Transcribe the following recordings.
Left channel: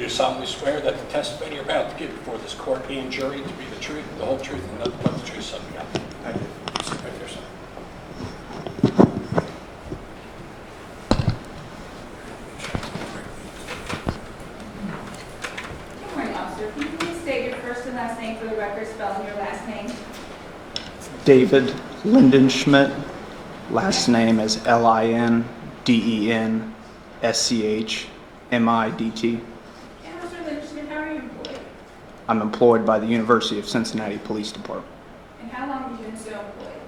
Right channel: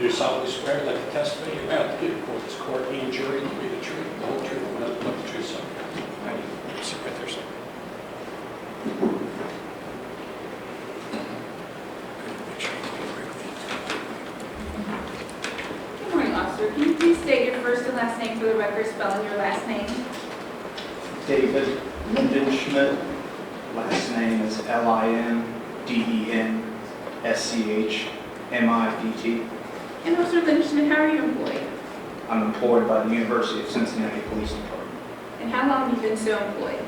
You do solemnly swear that the testimony you're about to give before this court and jury will be the truth, the whole truth, and nothing but the truth, so help you God. Thank you. Sit right there, sir. Good morning, officer. Can you please state your first and last name for the record, spelling your last name? David Lindenschmidt. Last name is Lindenschmidt. And Officer Lindenschmidt, how are you employed? I'm employed by the University of Cincinnati Police Department. And how long have you been so employed?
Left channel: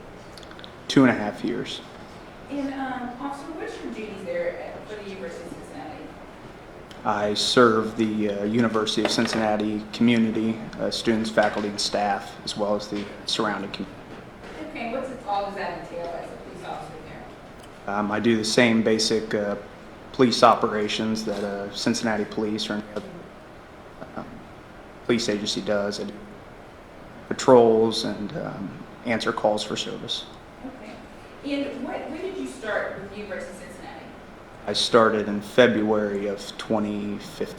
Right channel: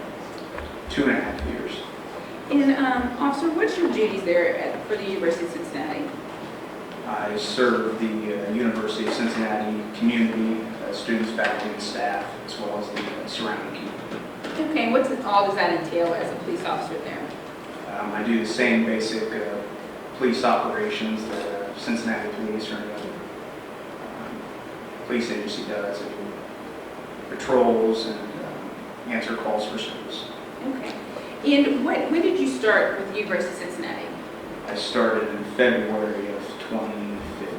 2.5 years. And officer, what's your duties there for the University of Cincinnati? I serve the University of Cincinnati community, students, faculty, and staff, as well as the surrounding community. Okay, and all does that entail as a police officer there? I do the same basic police operations that Cincinnati Police or any other police agency does. I do patrols and answer calls for service. Okay. And when did you start with the University of Cincinnati? I started in February of 2015.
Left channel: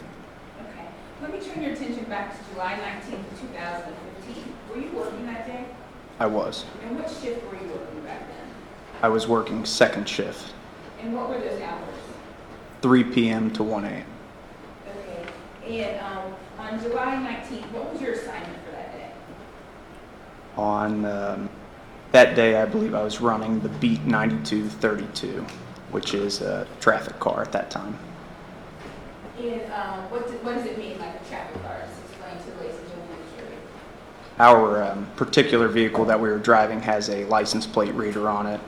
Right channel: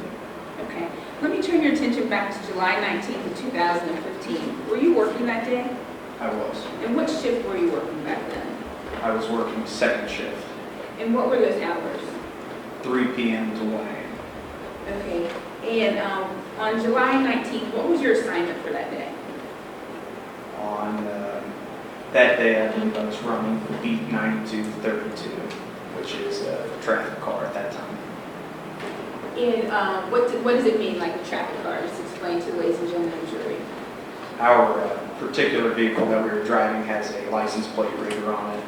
Okay. Let me turn your attention back to July 19th of 2015. Were you working that day? I was. And what shift were you working back then? I was working second shift, And what were those hours? 3 p.m. to 1 a.m. Okay. And on July 19th, what was your assignment for that day? On that day, I believe I was running the Beat 9232, which is a traffic car at that time. And what does it mean, like a traffic car? Just explain to the ladies and gentlemen of the jury. Our particular vehicle that we were driving has a license plate reader on it,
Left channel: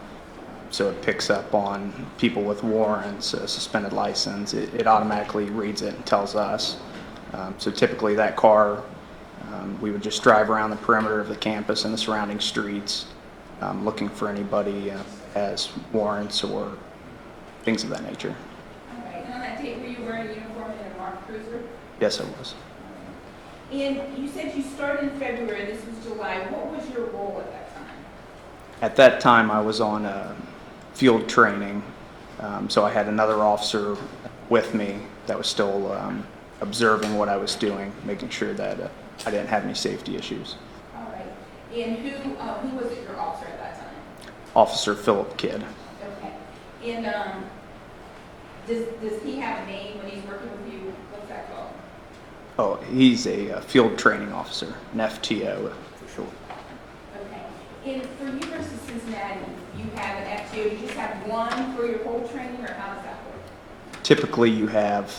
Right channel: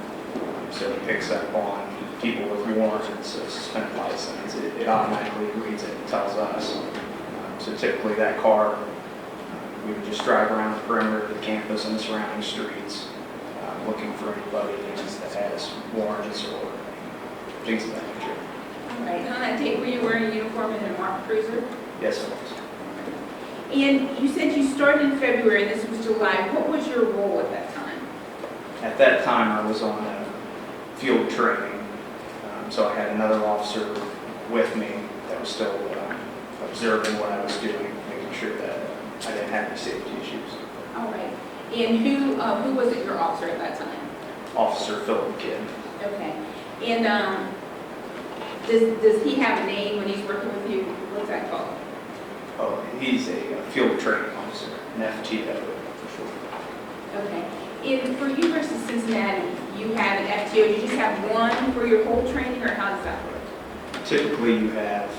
so it picks up on people with warrants, a suspended license. It automatically reads it and tells us. So typically that car, we would just drive around the perimeter of the campus and the surrounding streets, looking for anybody that has warrants or things of that nature. All right. And on that date, were you wearing a uniform and a marked cruiser? Yes, I was. And you said you started in February, this was July. What was your role at that time? At that time, I was on field training, so I had another officer with me that was still observing what I was doing, making sure that I didn't have any safety issues. All right. And who was it, your officer at that time? Officer Philip Kidd. Okay. And does he have a name when he's working with you? What's that called? Oh, he's a field training officer, an FTO for short. Okay. And for University of Cincinnati, you have an FTO. You just have one for your whole training, or how does that work? Typically, you have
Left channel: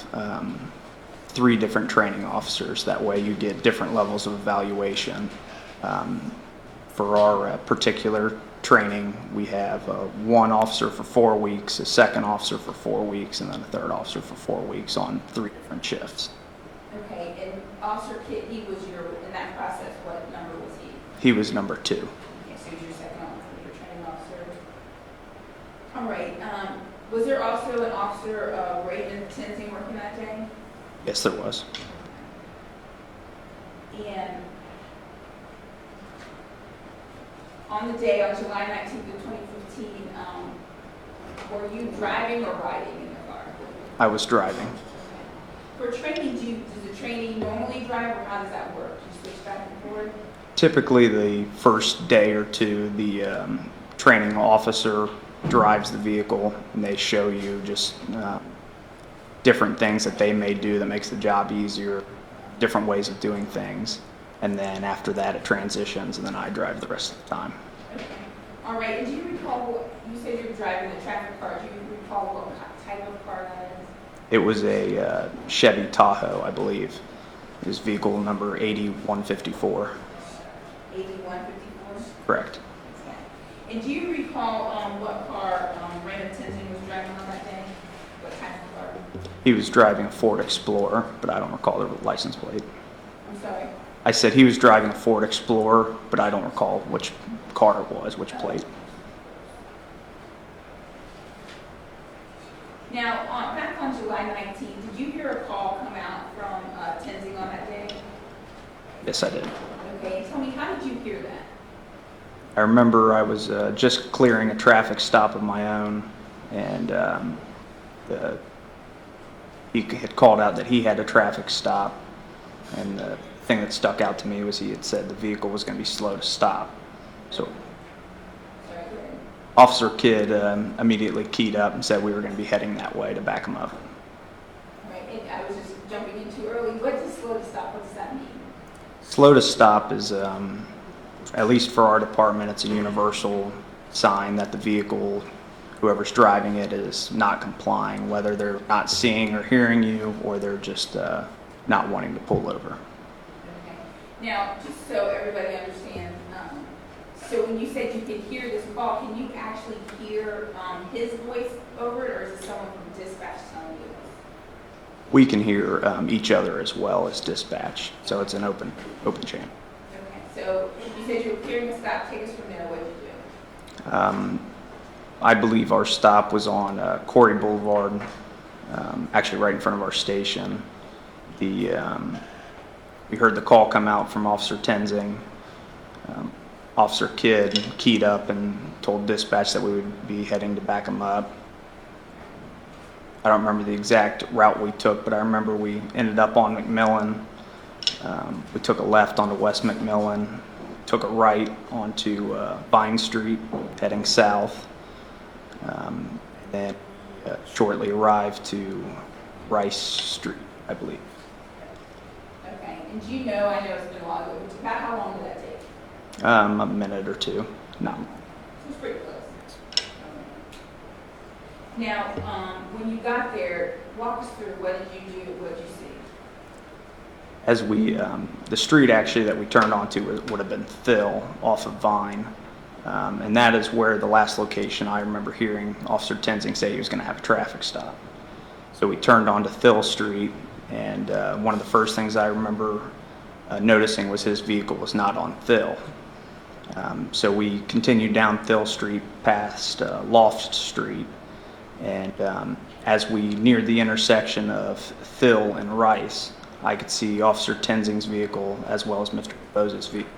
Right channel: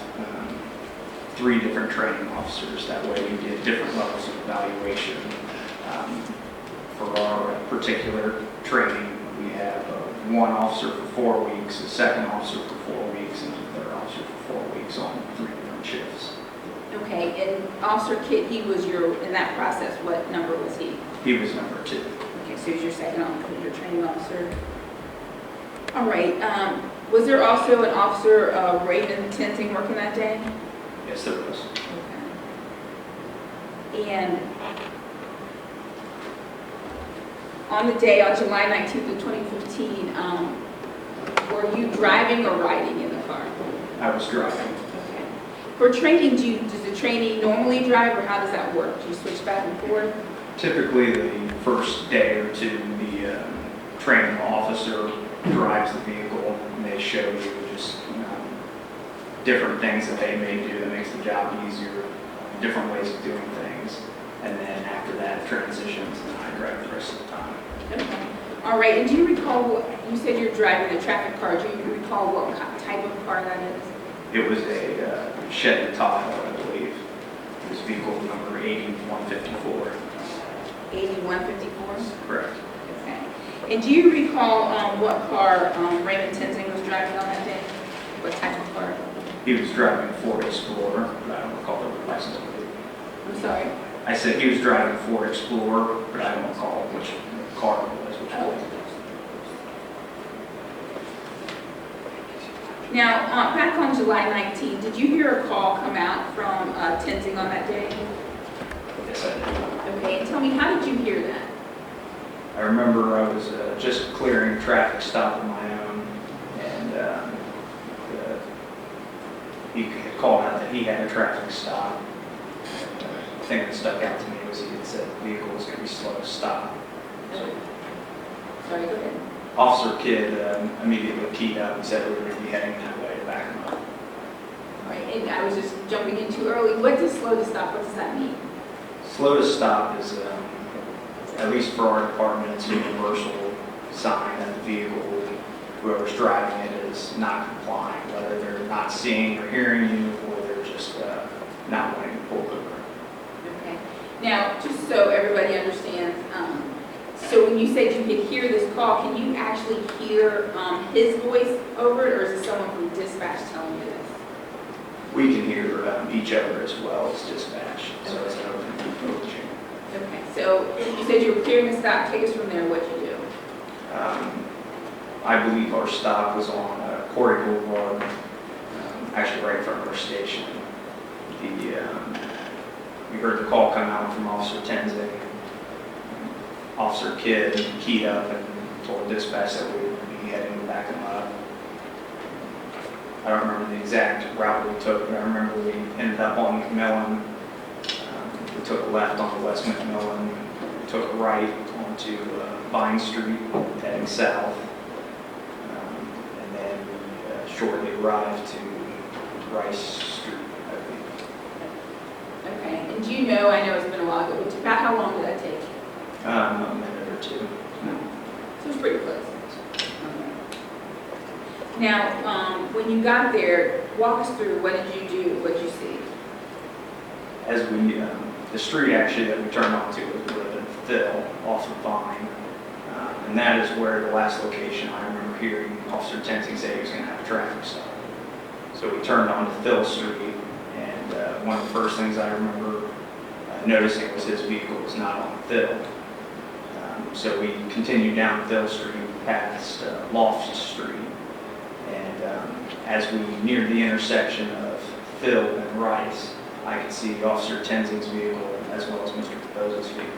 3 different training officers. That way, you get different levels of evaluation. For our particular training, we have one officer for 4 weeks, a second officer for 4 weeks, and then a third officer for 4 weeks on 3 different shifts. Okay, and Officer Kidd, he was in that process, what number was he? He was number 2. Okay, so he was your second officer, your training officer. All right, was there also an officer, Raven Tenzing, working that day? Yes, there was. Okay. And on the day, on July 19th of 2015, were you driving or riding in the car? I was driving. For training, does the trainee normally drive, or how does that work? Do you switch back and forth? Typically, the first day or two, the training officer drives the vehicle, and they show you just different things that they may do that makes the job easier, different ways of doing things. And then after that, it transitions, and then I drive the rest of the time. Okay. All right, and do you recall, you said you're driving a traffic car, do you recall what type of car that is? It was a Chevy Tahoe, I believe. It was vehicle number 8154. 8154? Correct. Okay. And do you recall what car Raymond Tenzing was driving on that day? What type of car? He was driving a Ford Explorer, but I don't recall the license plate. I'm sorry? I said he was driving a Ford Explorer, but I don't recall which car it was, which plate. Now, back on July 19th, did you hear a call come out from Tenzing on that day? Yes, I did. Okay, and tell me, how did you hear that? I remember I was just clearing a traffic stop of my own, and he had called out that he had a traffic stop, and the thing that stuck out to me was he had said the vehicle was going to be slow to stop. So Sorry, go ahead. Officer Kidd immediately keyed up and said we were going to be heading that way to back him up. All right, and I was just jumping in too early. What does slow to stop, what does that mean? Slow to stop is, at least for our department, it's a universal sign that the vehicle, whoever's driving it, is not complying, whether they're not seeing or hearing you, or they're just not wanting to pull over. Okay. Now, just so everybody understands, so when you said you could hear this call, can you actually hear his voice over it, or is it someone from dispatch telling you this? We can hear each other as well as dispatch, so it's an open chain. Okay, so you said you were clearing the stop. Take us from there. What'd you do? I believe our stop was on Corey Boulevard, actually right in front of our station. We heard the call come out from Officer Tenzing. Officer Kidd keyed up and told dispatch that we would be heading to back him up. I don't remember the exact route we took, but I remember we ended up on McMillan. We took a left onto West McMillan, took a right onto Vine Street, heading south, and then shortly arrived to Rice Street, I believe. Okay, and do you know, I know it's been a while ago, but about how long did that take? A minute or two. No. So it's pretty close. Okay. Now, when you got there, walk us through what did you do, what did you see? As we, the street actually that we turned onto would have been Phil off of Vine. And that is where the last location I remember hearing Officer Tenzing say he was going to have a traffic stop. So we turned onto Phil Street, and one of the first things I remember noticing was his vehicle was not on Phil. So we continued down Phil Street past Loft Street, and as we neared the intersection of Phil and Rice, I could see Officer Tenzing's vehicle as well as Mr. DuBose's vehicle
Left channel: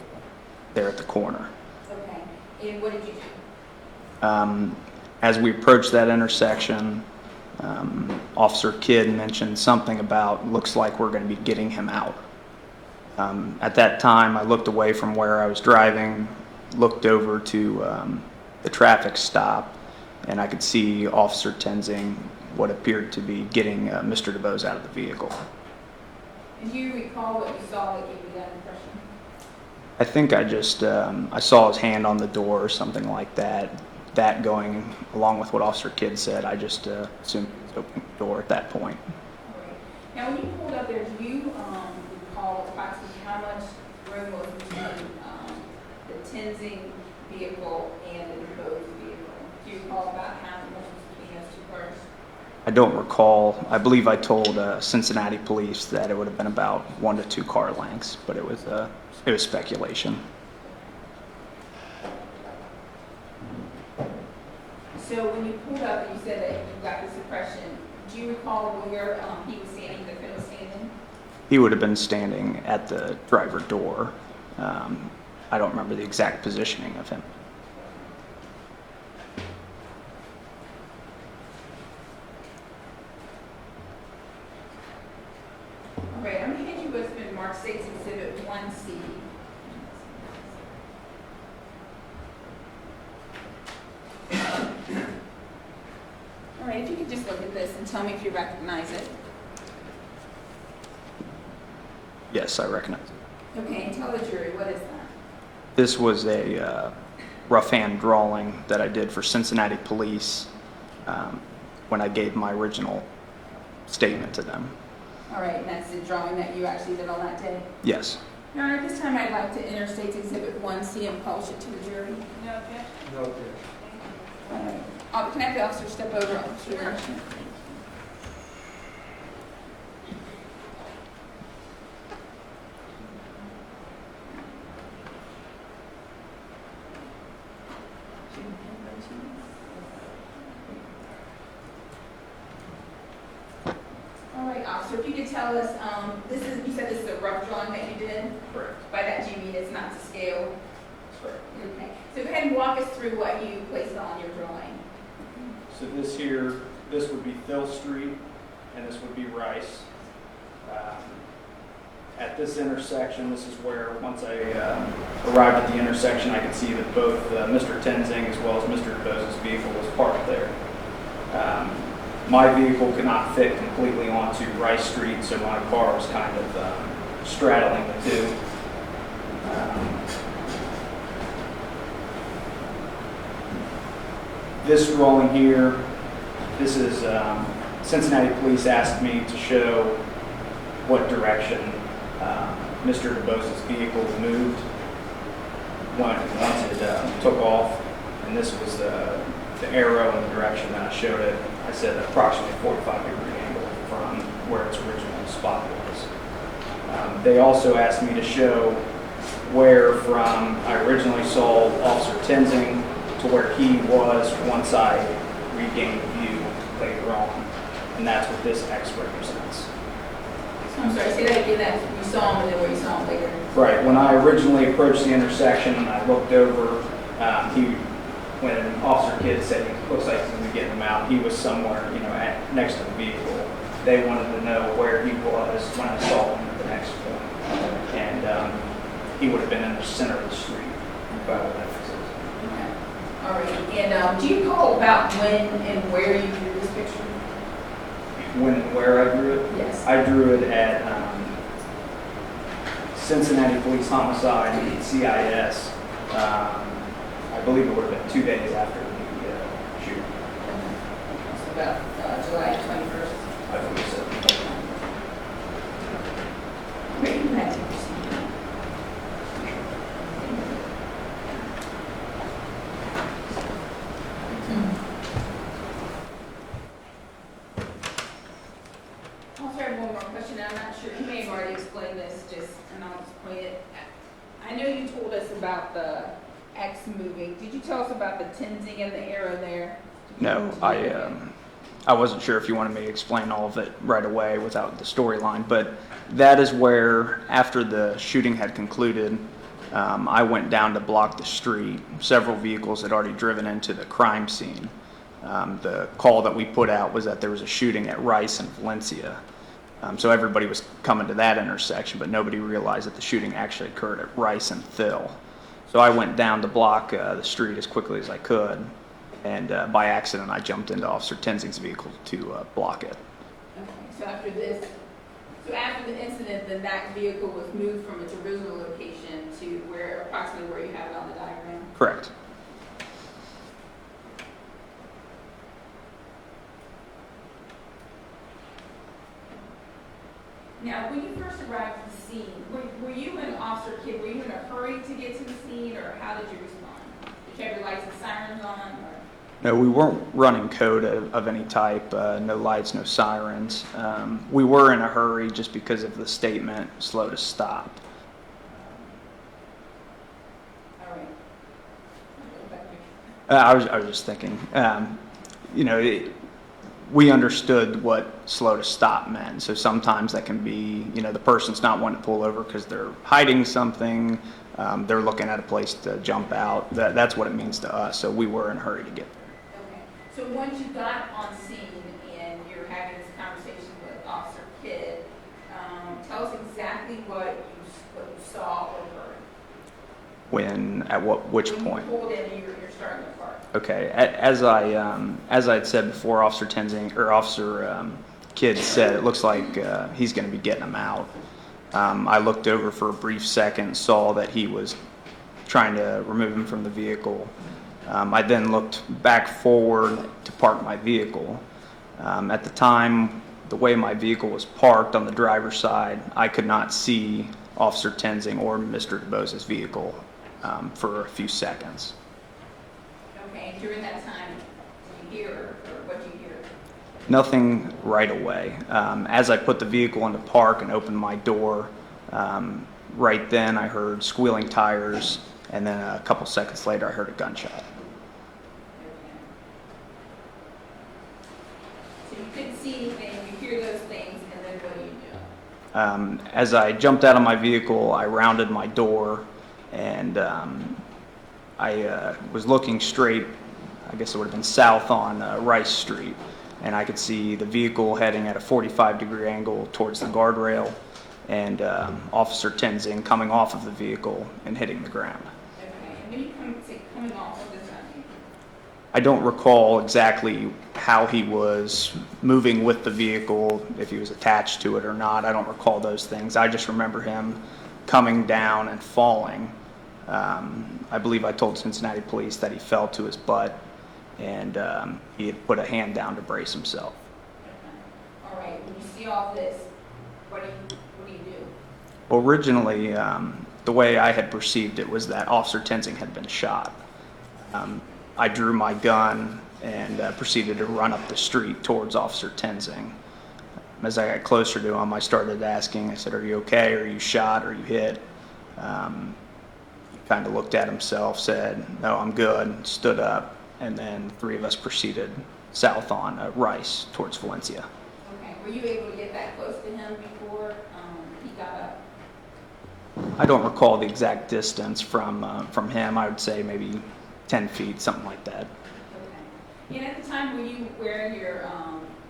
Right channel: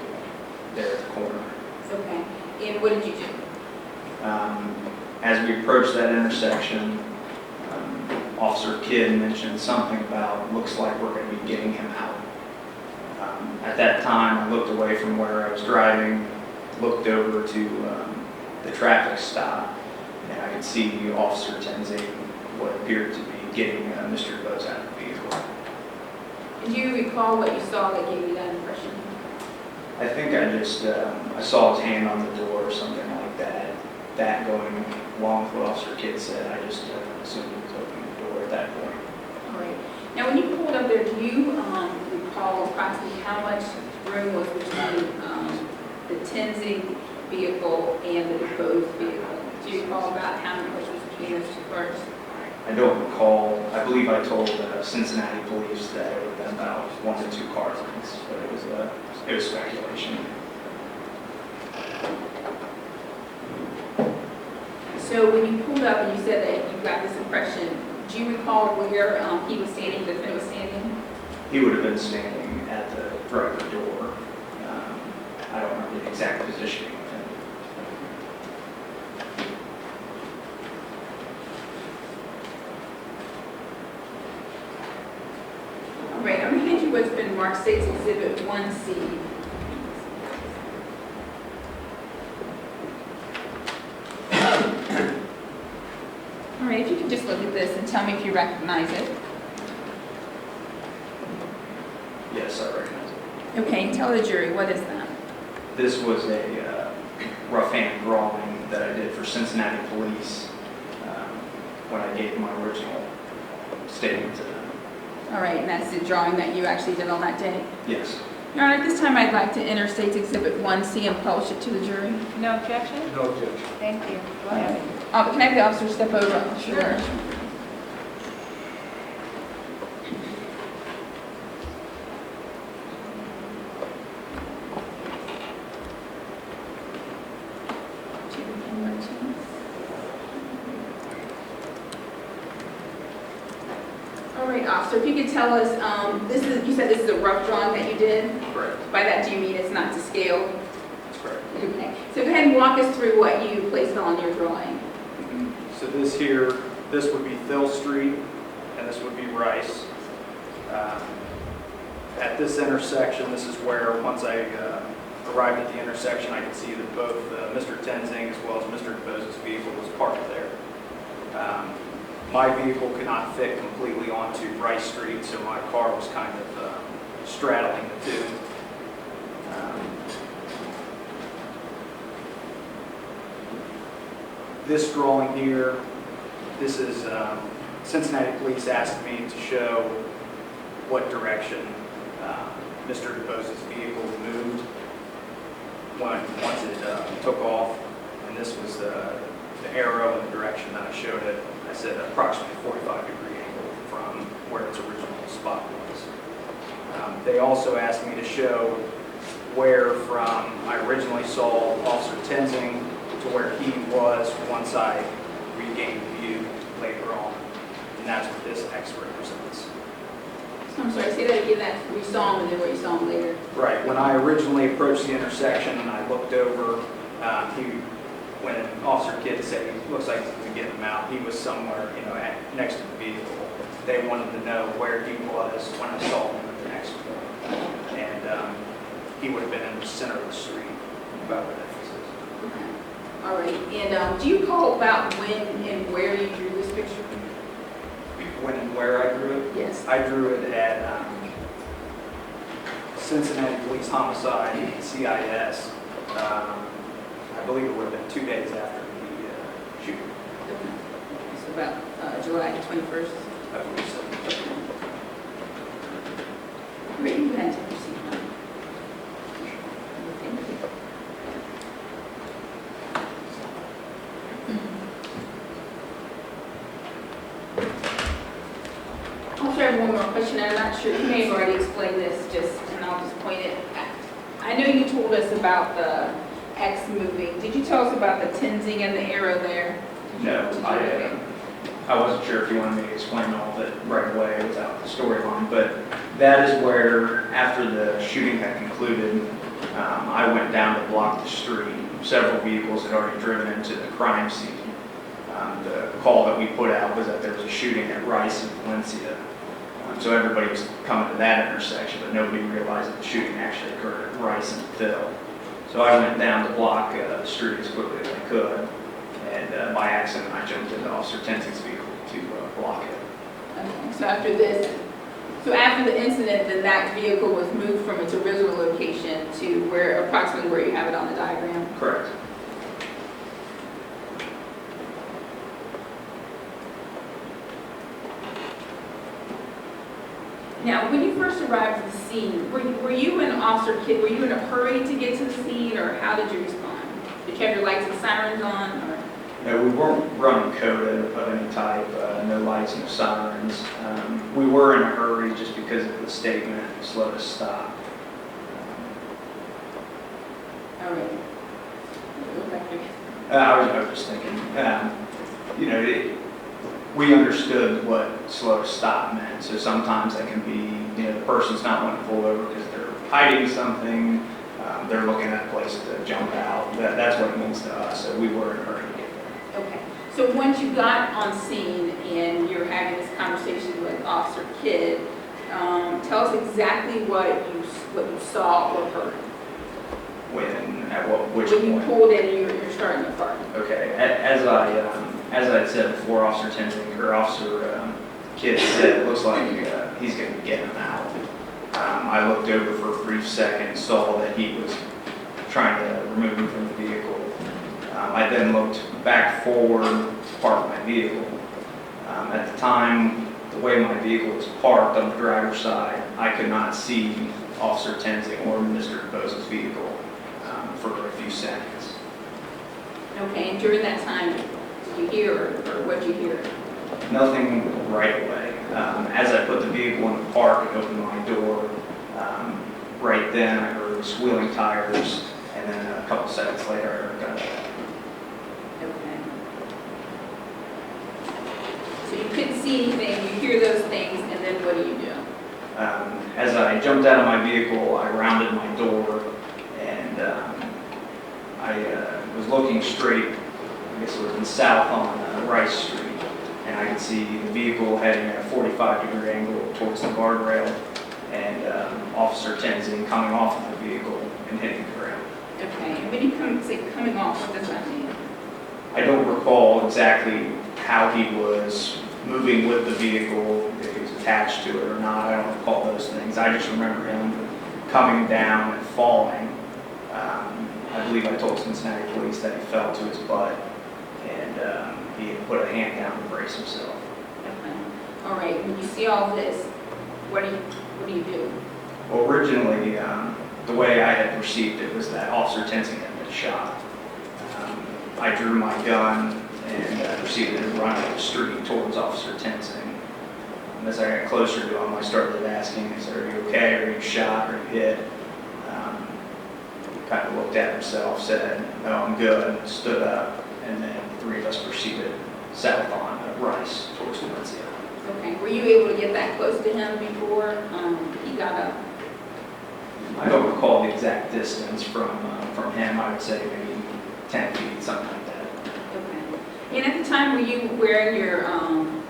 there at the corner. Okay, and what did you do? As we approached that intersection, Officer Kidd mentioned something about looks like we're going to be getting him out. At that time, I looked away from where I was driving, looked over to the traffic stop, and I could see Officer Tenzing what appeared to be getting Mr. DuBose out of the vehicle. Do you recall what you saw that gave you that impression? I think I just, I saw his hand on the door or something like that. That going along with what Officer Kidd said, I just assumed he was opening the door at that point. All right. Now, when you pulled up there, do you recall approximately how much room was between the Tenzing vehicle and the DuBose vehicle? Do you recall about how much was between those two cars? I don't recall. I believe I told Cincinnati police that it would have been about 1 to 2 car lengths, but it was speculation. So when you pulled up and you said that you got this impression, do you recall where he was standing, the defendant was standing? He would have been standing at the driver door. I don't remember the exact positioning of him. All right, I'm going to hand you what's been marked State's Exhibit 1C. All right, if you can just look at this and tell me if you recognize it. Yes, I recognize it. Okay, and tell the jury, what is that? This was a rough hand drawing that I did for Cincinnati police when I gave my original statement to them. All right, and that's the drawing that you actually did on that day? Yes. Your Honor, at this time I'd like to enter State's Exhibit 1C and publish it to the jury. No objection? No objection. Thank you. Go ahead. But can I have the officer step over? Sure. All right, officer, if you could tell us, you said this is a rough drawing that you did? Correct. By that, do you mean it's not to scale? That's correct. Okay. So go ahead and walk us through what you placed on your drawing. So this here, this would be Phil Street, and this would be Rice. At this intersection, this is where, once I arrived at the intersection, I could see that both Mr. Tenzing as well as Mr. DuBose's vehicle was parked there. My vehicle could not fit completely onto Rice Street, so my car was kind of straddling the two. This drawing here, this is Cincinnati Police asked me to show what direction Mr. DuBose's vehicle moved once it took off, and this was the arrow in the direction that I showed it. I said approximately 45-degree angle from where its original spot was. They also asked me to show where from I originally saw Officer Tenzing to where he was once I regained view later on, and that's what this X represents. I'm sorry, say that again, that you saw him and then where you saw him later. Right, when I originally approached the intersection and I looked over, when Officer Kidd said it looks like he's going to get him out, he was somewhere, next to the vehicle. They wanted to know where he was when I saw him at the next point. And he would have been in the center of the street, if I would have. Okay. All right, and do you recall about when and where you drew this picture? Where I drew it? Yes. I drew it at Cincinnati Police Homicide, CIS. I believe it would have been 2 days after the shooting. It's about July 21st. I believe so. Great, you had to proceed. I'll try one more question. I'm not sure, you may have already explained this, and I'll just point it. I know you told us about the X moving. Did you tell us about the Tenzing and the arrow there? No, I wasn't sure if you wanted me to explain all of it right away without the storyline, but that is where, after the shooting had concluded, I went down to block the street. Several vehicles had already driven into the crime scene. The call that we put out was that there was a shooting at Rice and Valencia. So everybody was coming to that intersection, but nobody realized that the shooting actually occurred at Rice and Phil. So I went down to block the street as quickly as I could, and by accident I jumped into Officer Tenzing's vehicle to block it. Okay, so after the incident, then that vehicle was moved from its original location to approximately where you have it on the diagram? Correct. Now, when you first arrived at the scene, were you and Officer Kidd, were you in a hurry to get to the scene, or how did you respond? Did you have your lights and sirens on, or? No, we weren't running code of any type, no lights, no sirens. We were in a hurry just because of the statement, slow to stop. All right. I was just thinking, we understood what slow to stop meant. So sometimes that can be, the person's not wanting to pull over because they're hiding something, they're looking at a place to jump out. That's what it means to us. So we were in a hurry to get there. Okay. So once you got on scene and you're having this conversation with Officer Kidd, tell us exactly what you saw or heard. Which when point? you pulled in and you're starting the car. Okay, as I had said before, Officer Tenzing or Officer Kidd said it looks like he's going to be getting him out. I looked over for a brief second, saw that he was trying to remove him from the vehicle. I then looked back forward to park my vehicle. At the time, the way my vehicle was parked on the driver's side, I could not see Officer Tenzing or Mr. DuBose's vehicle for a few seconds. Okay, and during that time, did you hear or what did you hear? Nothing right away. As I put the vehicle in the park and opened my door, right then I heard squealing tires, and then a couple seconds later I heard a gunshot. Okay. So you couldn't see anything, you hear those things, and then what do you do? As I jumped out of my vehicle, I rounded my door, and I was looking straight, I guess it would have been south on Rice Street, and I could see the vehicle heading at a 45-degree angle towards the guardrail, and Officer Tenzing coming off of the vehicle and hitting the ground. Okay, and when you say coming off, what does that mean? I don't recall exactly how he was moving with the vehicle, if he was attached to it or not. I don't recall those things. I just remember him coming down and falling. I believe I told Cincinnati police that he fell to his butt, and he had put a hand down to brace himself. Okay. All right, when you see all this, what do you do? Originally, the way I had perceived it was that Officer Tenzing had been shot. I drew my gun and proceeded to run up the street towards Officer Tenzing. And as I got closer to him, I started asking, I said, "Are you okay? Are you shot? Are you hit?" He kind of looked at himself, said, "No, I'm good," stood up, and then the three of us proceeded south on Rice towards Valencia. Okay, were you able to get that close to him before he got up? I don't recall the exact distance from him. I would say maybe 10 feet, something like that. Okay. And at the time, were you wearing your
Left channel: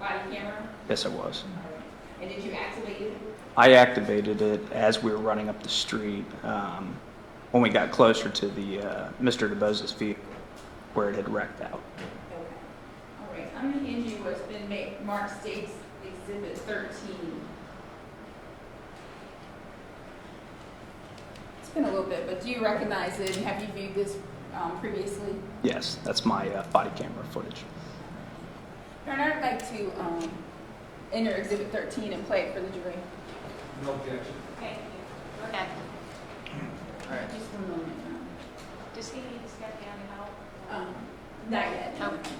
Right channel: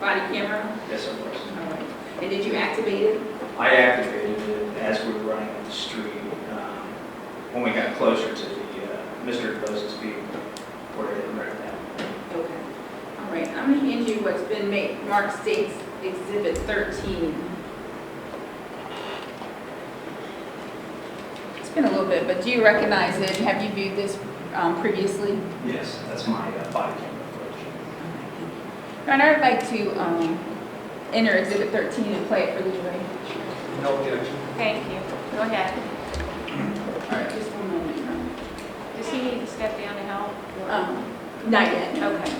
body camera? Yes, it was. All right. And did you activate it? I activated it as we were running up the street when we got closer to the Mr. DuBose's vehicle where it had wrecked that. Okay. All right. I'm going to hand you what's been marked State's Exhibit 13. It's been a little bit, but do you recognize it? Have you viewed this previously? Yes, that's my body camera footage. And I'd like to enter Exhibit 13 and play it for the jury. No objection. Thank you. Go ahead. All right, just one moment. Does he need to step down to help? Not yet. Okay.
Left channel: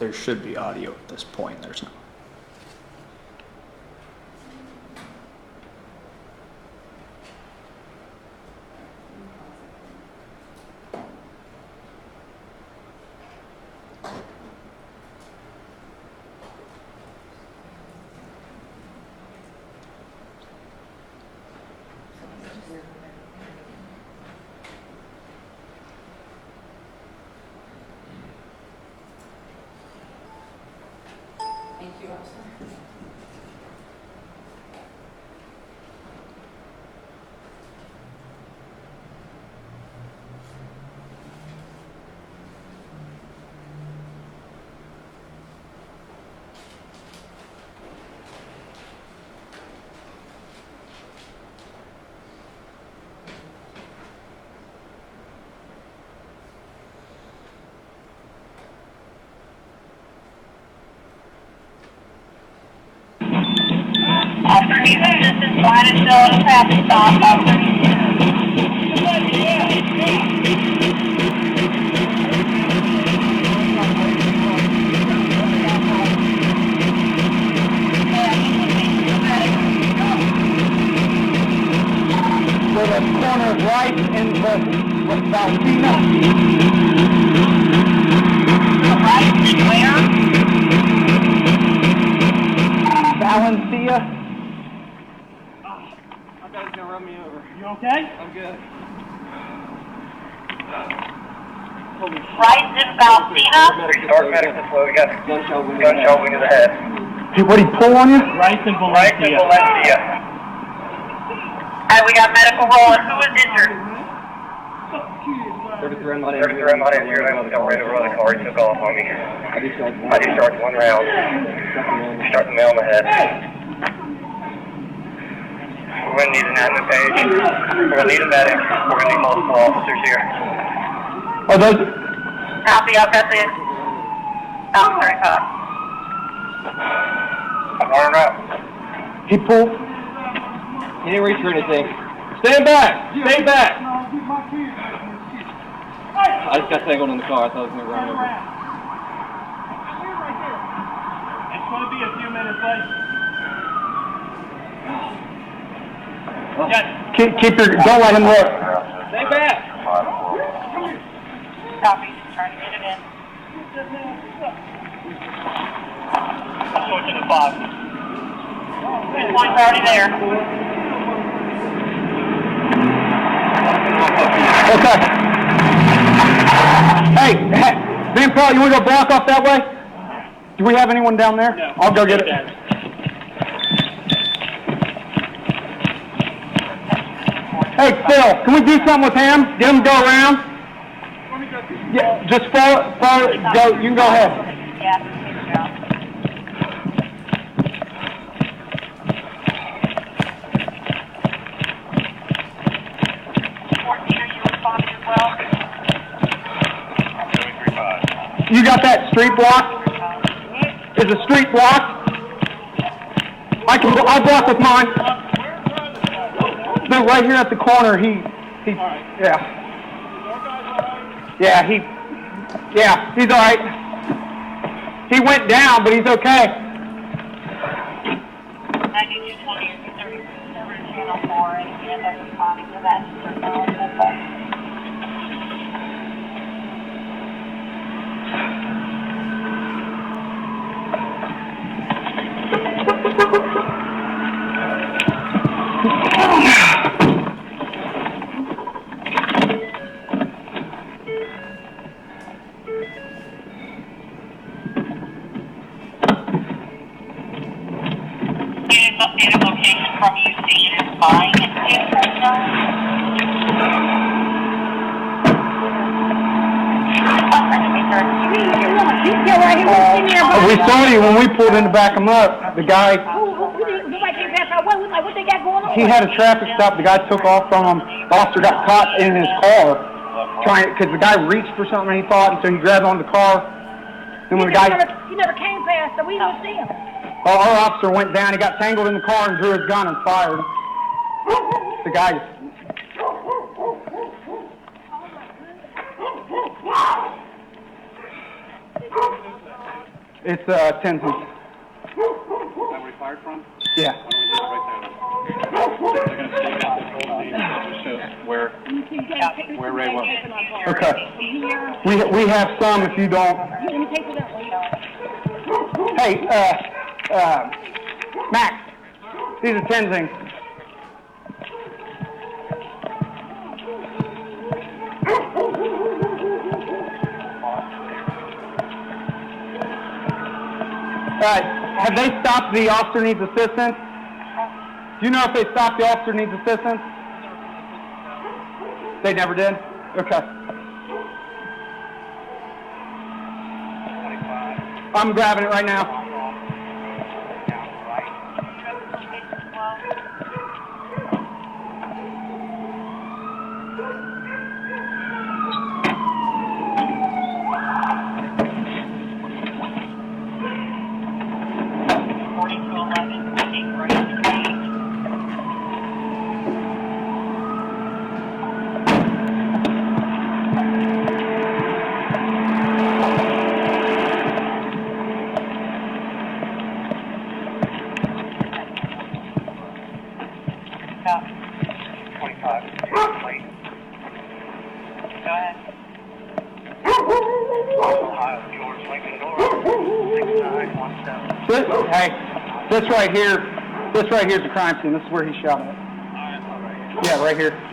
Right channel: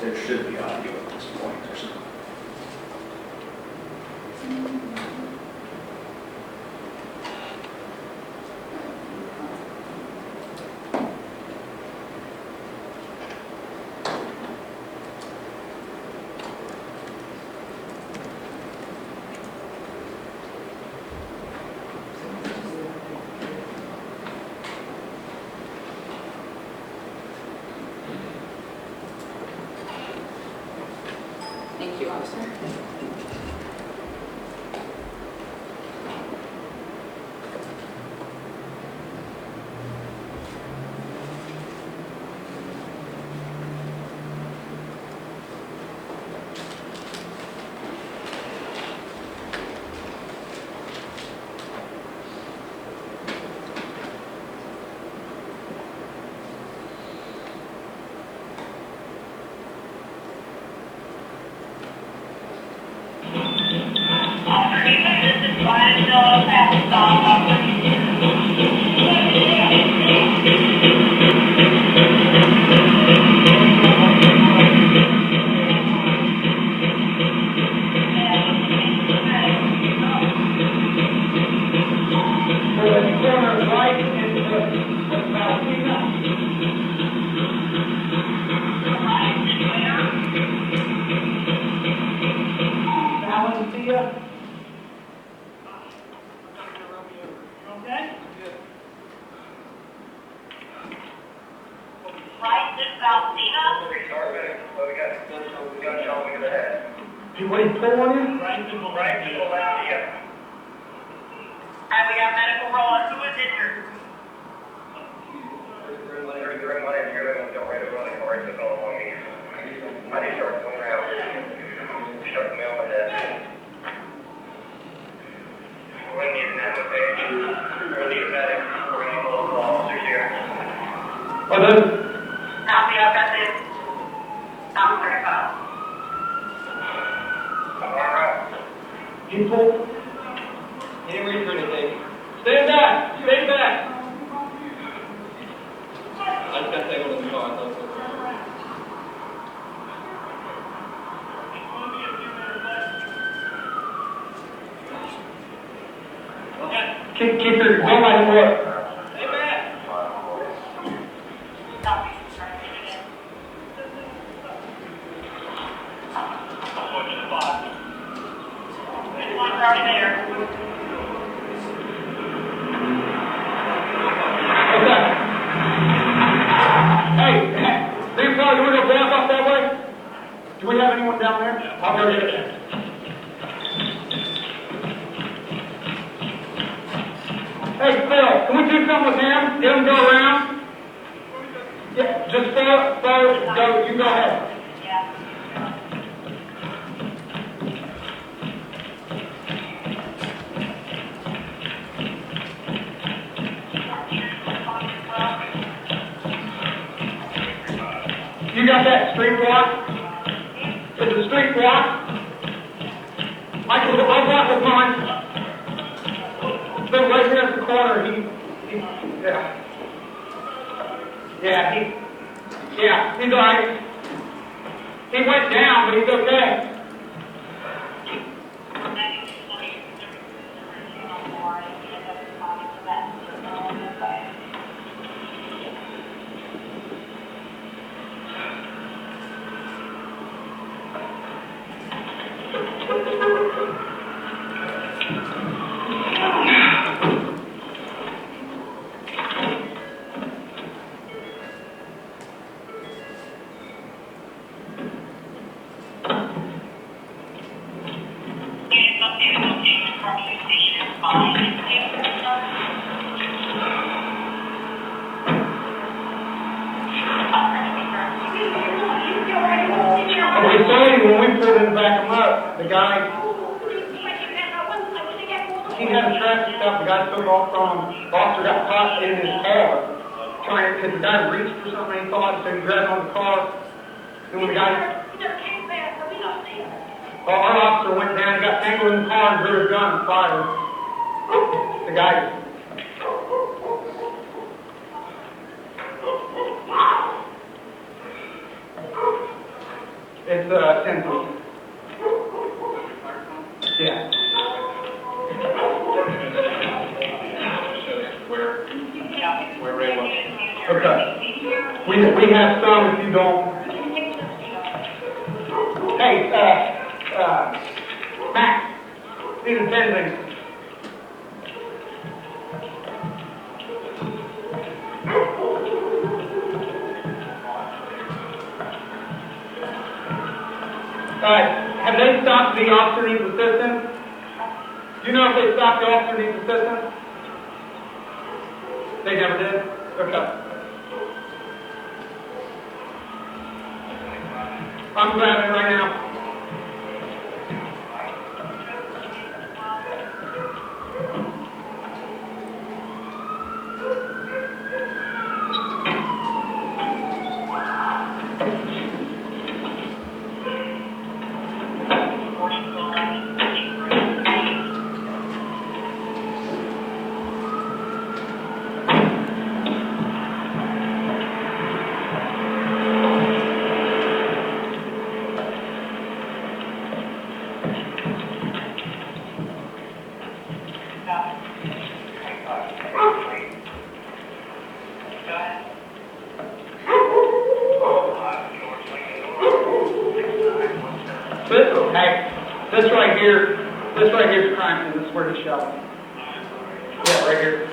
There should be audio at this point. There's not. Thank you, officer. Officer Ethan, this is Brian, still at a traffic stop. Officer. Valentina. Right, where? Valentina. I gotta go run me over. You okay? I'm good. Right, this is Valentina. Restart medic this way. We got Gunshot wound. gunshot wound to the head. Hey, what, he pull on you? Right in Valencia. Alright, we got medical rolling. Who is injured? 33, I'm not 33, I'm not injured. I almost got ran over the car. He took off on me. I discharged I discharged one round. Shot the nail in the head. We're going to need an admin page. We're going to need a medic. We're going to need multiple officers here. Oh, those. Copy, I'll press in. Officer, Arm out. He pulled. He didn't reach for anything. Stand back! Stay back! I just got tangled in the car. I thought it was going to run over. It's going to be a few minutes late. Keep your, don't let him look. Stay back! Copy, trying to get it in. Switch to the 5. This one's already there. Okay. Hey, Van Paul, you want to go block off that way? Do we have anyone down there? No. I'll go get it. Hey, Phil, can we do something with him? Get him to go around? Yeah, just follow, go, you can go ahead. Yeah. You got that street block? Is the street blocked? I'll block with mine. So right here at the corner, he's all right. He went down, but he's okay. 9220 is the channel 4 and every copy of that. Updated location from you station is fine. We saw you when we pulled in to back him up. The guy, he had a traffic stop. The guy took off from him. The officer got caught in his car, because the guy reached for something and he thought, and so he grabbed onto the car. And when the guy, You never came fast, so we don't see him. our officer went down, he got tangled in the car and drew his gun and fired. The guy. It's Tenzing. Yeah. Where Ray was. Okay. We have some if you don't. Hey, Max, these are Tenzing. Have they stopped the officer needs assistance? Do you know if they stopped the officer needs assistance? They never did? Okay. I'm grabbing it right now. This right here is the crime scene. This is where he shot me. Yeah, right here.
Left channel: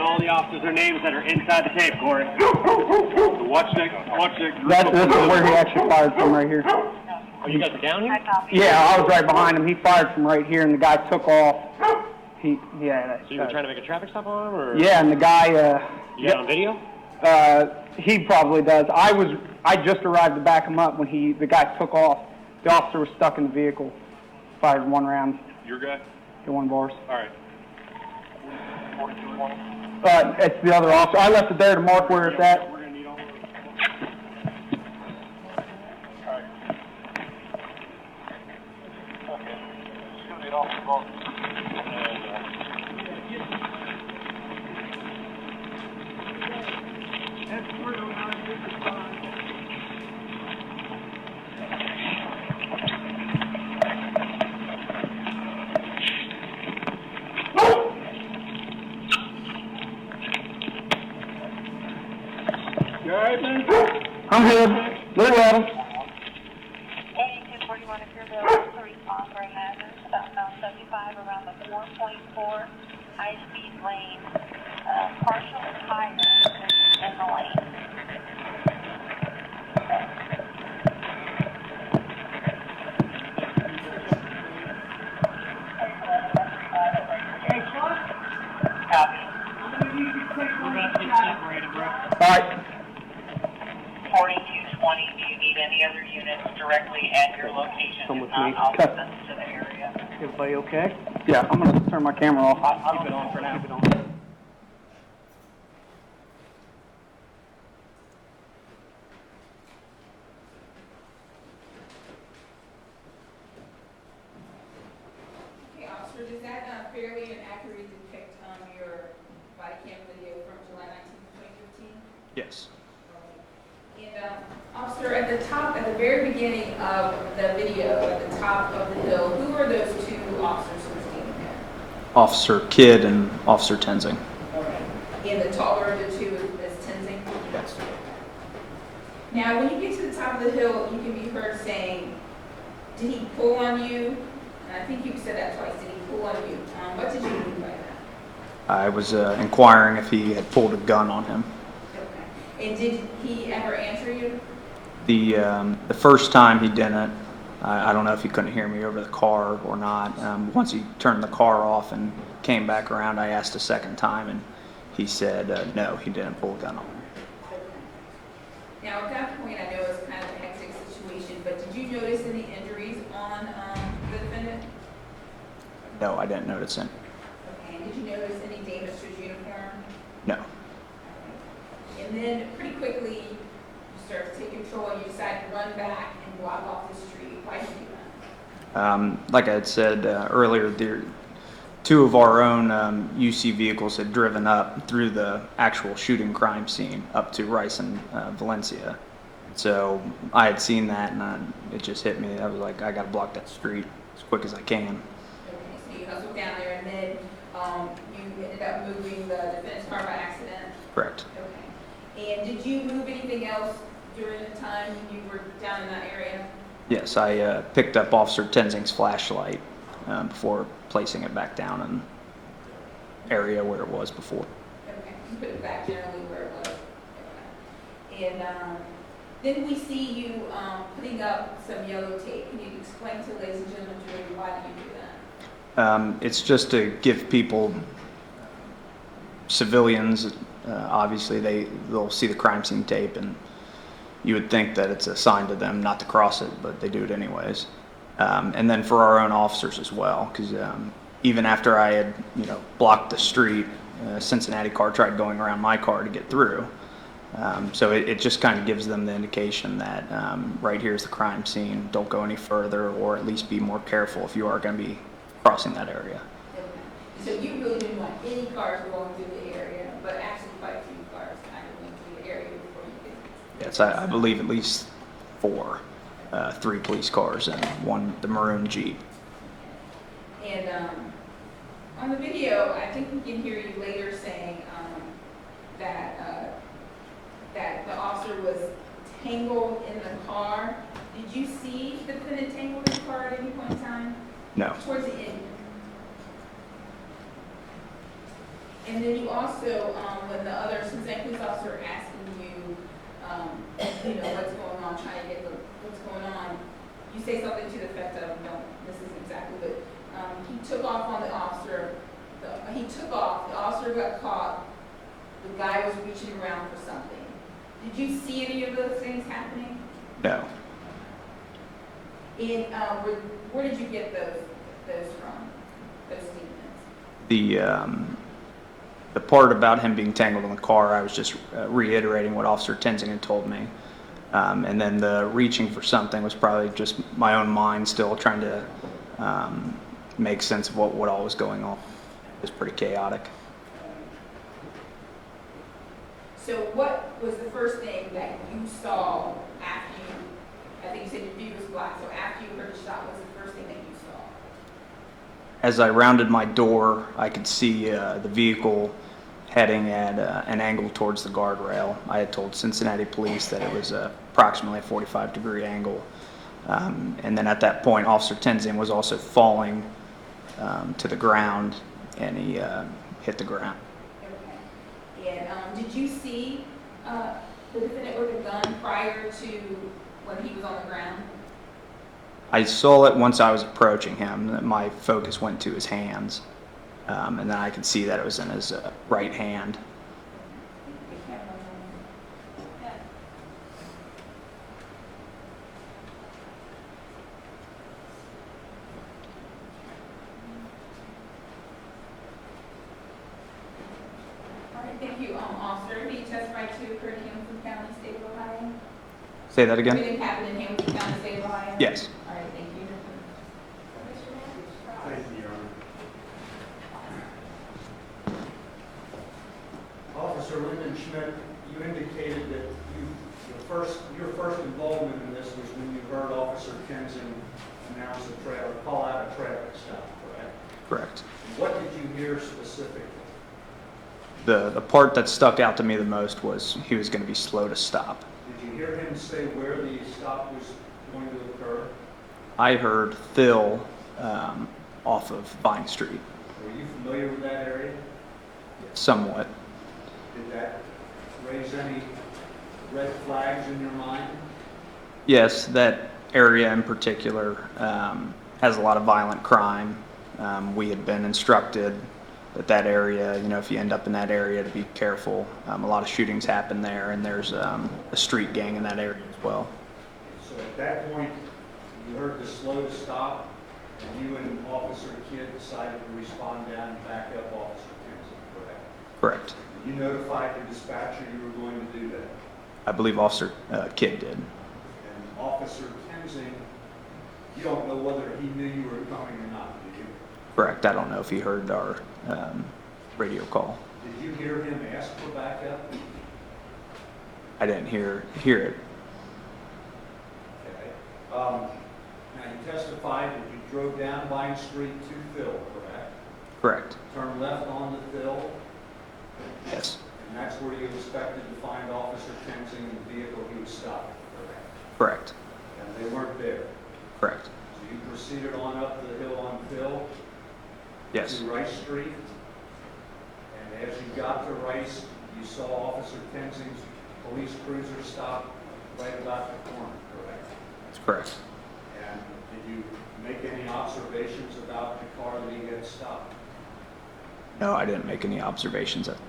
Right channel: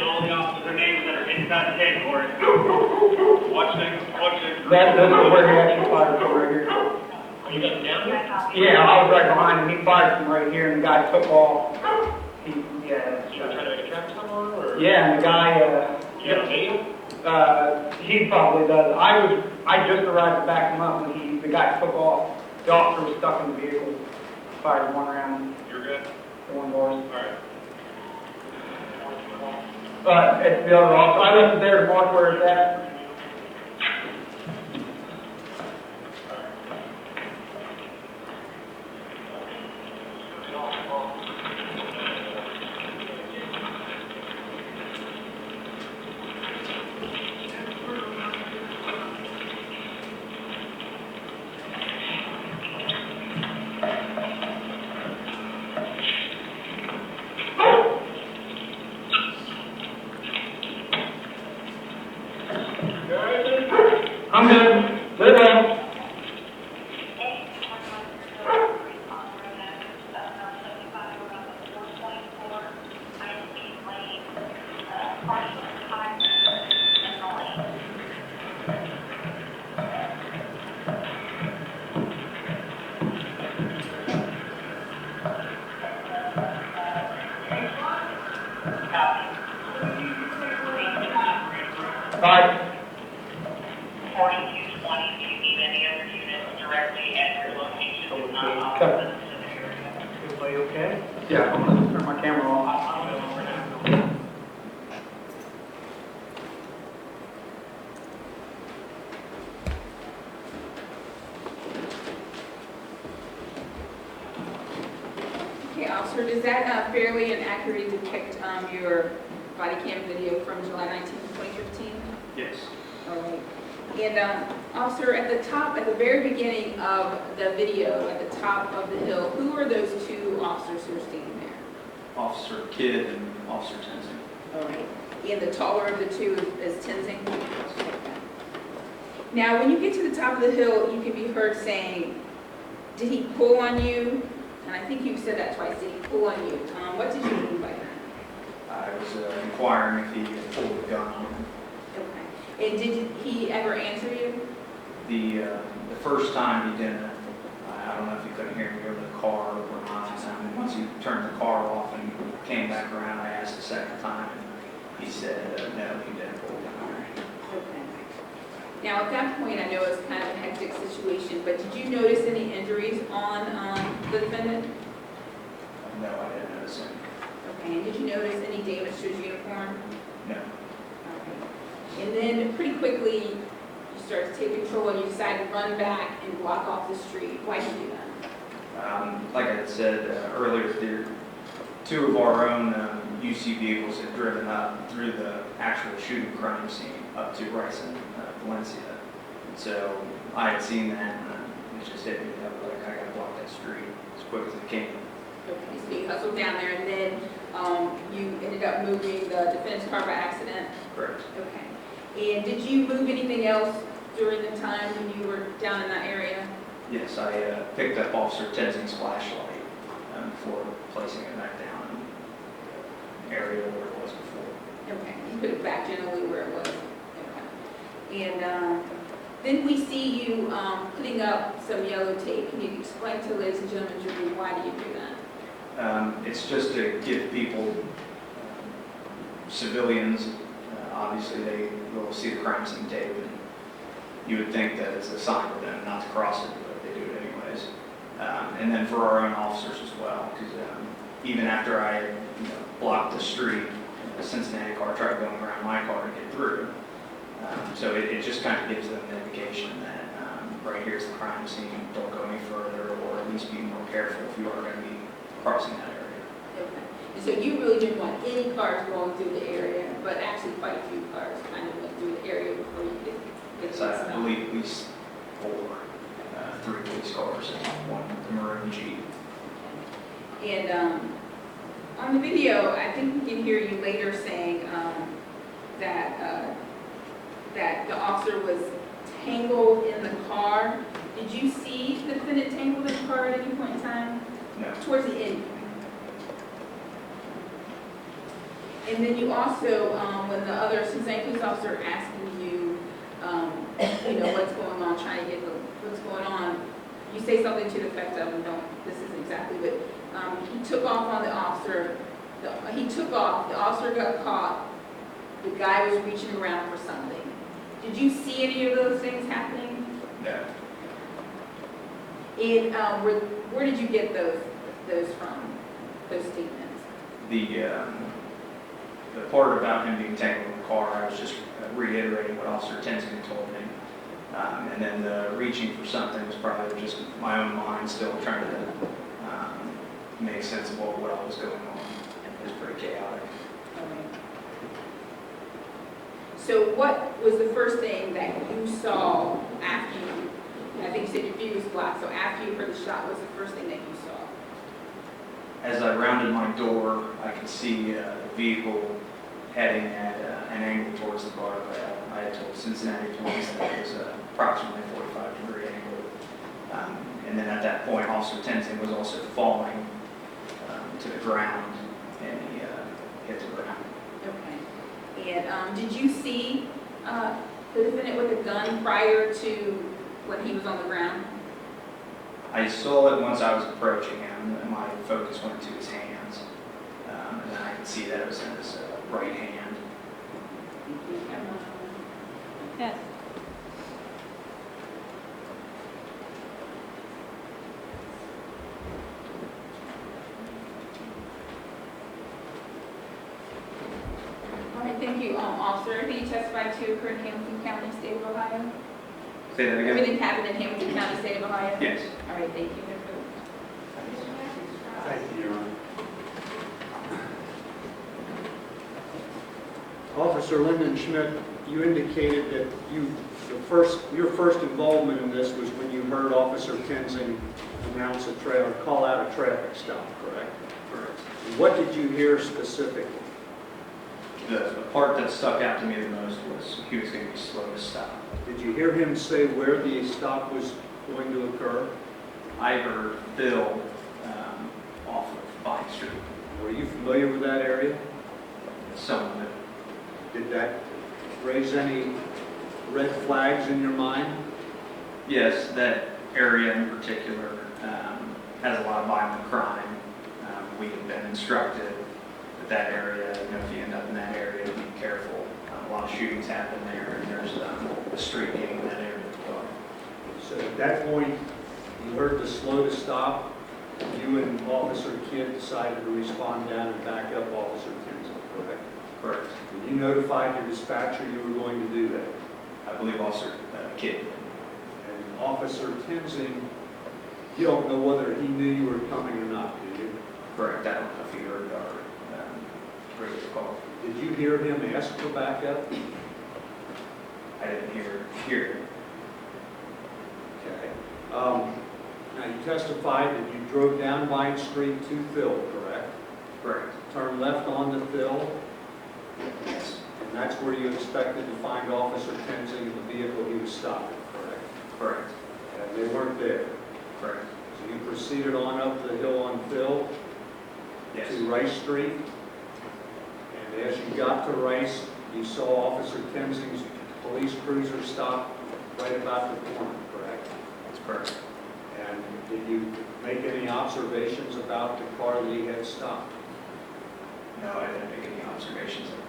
All the officers are names that are inside the tape, Corey. That's where he actually fired from right here. Are you guys down here? Yeah, I was right behind him. He fired from right here, and the guy took off. So you were trying to make a traffic stop on him, or? Yeah, and the guy. You got a video? He probably does. I just arrived to back him up when the guy took off. The officer was stuck in the vehicle. Fired one round. Your guy? The one of ours. All right. It's the other officer. I left it there to mark where it's at. I'm good. Live well. All right. 4220, do you need any other units directly at your location? If not, I'll send them to the area. Everybody okay? Yeah, I'm gonna turn my camera off. I'll do it for now. Okay, officer, does that fairly and accurately depict your body cam video from July 19th, 2015? Yes. All right. And officer, at the very beginning of the video, at the top of the hill, who are those two officers who were standing there? Officer Kidd and Officer Tenzing. All right. And the taller of the two is Tenzing? Yes. Now, when you get to the top of the hill, you can be heard saying, did he pull on you? And I think you said that twice. Did he pull on you? What did you mean by that? I was inquiring if he had pulled a gun on him. Okay. And did he ever answer you? The first time he didn't. I don't know if he couldn't hear me over the car or not. Once he turned the car off and came back around, I asked a second time, and he said no, he didn't pull a gun on her. Okay. Now, at that point, I know it's kind of a hectic situation, but did you notice any injuries on the defendant? No, I didn't notice him. Okay. And did you notice any damage to his uniform? No. Okay. And then pretty quickly, you start to take control and you decide to run back and walk off the street. Why did you do that? Like I had said earlier, two of our own UC vehicles had driven up through the actual shooting crime scene up to Rice and Valencia. So I had seen that, and it just hit me. I was like, I got to block that street as quick as I can. Okay, so you hustled down there, and then you ended up moving the defense car by accident? Correct. Okay. And did you move anything else during the time when you were down in that area? Yes, I picked up Officer Tenzing's flashlight before placing it back down in the area where it was before. Okay, you put it back generally where it was. Okay. And then we see you putting up some yellow tape. Can you explain to ladies and gentlemen, jury, why do you do that? It's just to give people, civilians, obviously they'll see the crime scene tape and you would think that it's a sign to them not to cross it, but they do it anyways. And then for our own officers as well, because even after I had blocked the street, a Cincinnati car tried going around my car to get through. So it just kind of gives them the indication that right here's the crime scene, don't go any further, or at least be more careful if you are going to be crossing that area. Okay. So you really didn't want any cars going through the area, but actually quite a few cars kind of went through the area before you did. Yes, I believe at least 4, 3 police cars and 1 the maroon Jeep. And on the video, I think we can hear you later saying that the officer was tangled in the car. Did you see the defendant tangled in the car at any point in time? No. Towards the end. And then you also, when the other Cincinnati police officer asking you, what's going on, trying to get what's going on, you say something to the effect of, this isn't exactly, but he took off on the officer. He took off, the officer got caught, the guy was reaching around for something. Did you see any of those things happening? No. And where did you get those from, those statements? The part about him being tangled in the car, I was just reiterating what Officer Tenzing had told me. And then the reaching for something was probably just my own mind still trying to make sense of what all was going on. It was pretty chaotic. Okay. So what was the first thing that you saw after you, I think you said your view was black, so after you heard the shot, what was the first thing that you saw? As I rounded my door, I could see the vehicle heading at an angle towards the guardrail. I had told Cincinnati police that it was approximately a 45-degree angle. And then at that point, Officer Tenzing was also falling to the ground, and he hit the ground. Okay. And did you see the defendant with a gun prior to when he was on the ground? I saw it once I was approaching him. That my focus went to his hands, and then I could see that it was in his right hand. Yes. All right, thank you, officer. Who you testified to occurred in Hamilton County, state of Ohio? Say that again? Everything happened in Hamilton County, state of Ohio? Yes. All right, thank you. Thank you, Your Honor. Officer Lindenschmidt, you indicated that your first involvement in this was when you heard Officer Tenzing announce call out a traffic stop, correct? Correct. What did you hear specifically? The part that stuck out to me the most was he was going to be slow to stop. Did you hear him say where the stop was going to occur? I heard Phil off of Vine Street. Were you familiar with that area? Somewhat. Did that raise any red flags in your mind? Yes, that area in particular has a lot of violent crime. We had been instructed that area, if you end up in that area, to be careful. A lot of shootings happen there, and there's a street gang in that area as well. So at that point, you heard the slow to stop. You and Officer Kidd decided to respond down and back up Officer Tenzing, correct? Correct. You notified your dispatcher you were going to do that. I believe Officer Kidd did. And Officer Tenzing, you don't know whether he knew you were coming or not, do you? Correct. I don't know if he heard our radio call. Did you hear him ask for backup? I didn't hear it. Okay. Now you testified that you drove down Vine Street to Phil, correct? Correct. Turned left onto Phil, Yes. and that's where you expected to find Officer Tenzing in the vehicle he was stopping, correct? Correct. And they weren't there. Correct. So you proceeded on up the hill on Phil Yes. to Rice Street, As you got to Rice, you saw Officer Tenzing's police cruiser stop right about the corner, correct? That's correct. And did you make any observations about the car that he had stopped? No, I didn't make any observations of it.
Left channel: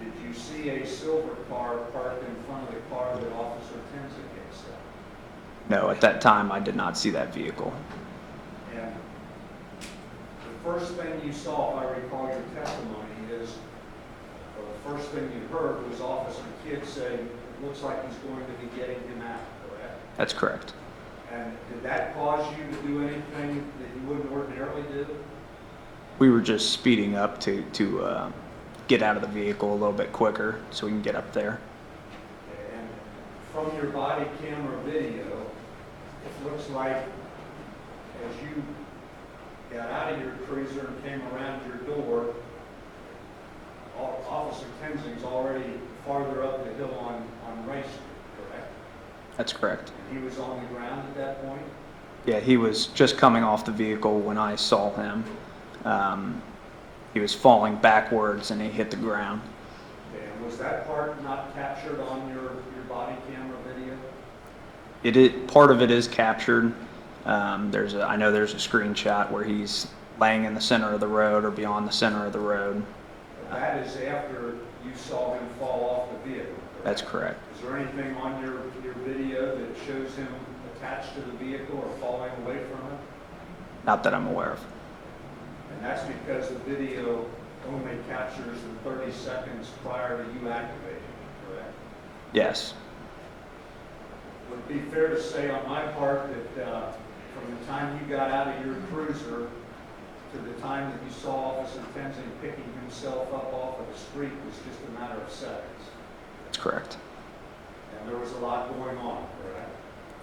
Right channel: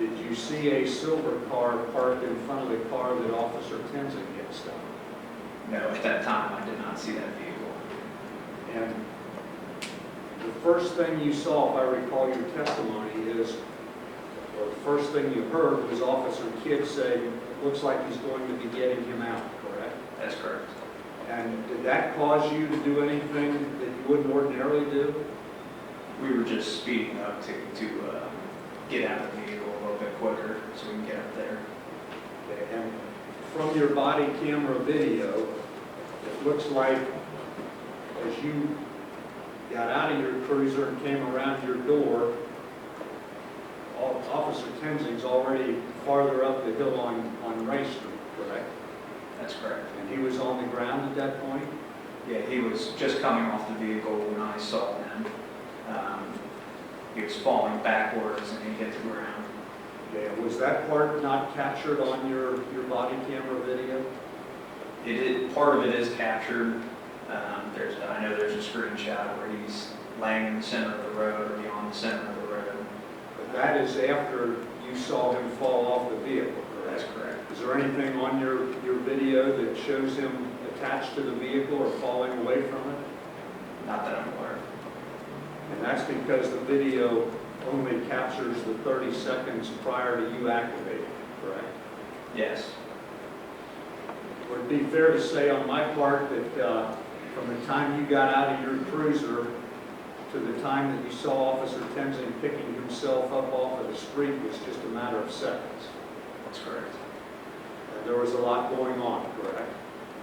Did you see a silver car parked in front of the car that Officer Tenzing had stopped? No, at that time, I did not see that vehicle. And the first thing you saw, if I recall your testimony, is, or the first thing you heard was Officer Kidd say, "It looks like he's going to be getting him out," correct? That's correct. And did that cause you to do anything that you wouldn't ordinarily do? We were just speeding up to get out of the vehicle a little bit quicker so we can get up there. Okay, and from your body camera video, it looks like as you got out of your cruiser and came around your door, Officer Tenzing's already farther up the hill on Rice Street, correct? That's correct. And he was on the ground at that point? Yeah, he was just coming off the vehicle when I saw him. He was falling backwards and he hit the ground. Okay, and was that part not captured on your body camera video? Part of it is captured. I know there's a screenshot where he's laying in the center of the road or beyond the center of the road. That is after you saw him fall off the vehicle, correct? That's correct. Is there anything on your video that shows him attached to the vehicle or falling away from it? Not that I'm aware of. And that's because the video only captures the 30 seconds prior to you activating it, correct? Yes. Would it be fair to say on my part that from the time you got out of your cruiser to the time that you saw Officer Tenzing picking himself up off of the street was just a matter of seconds? That's correct. And there was a lot going on, correct?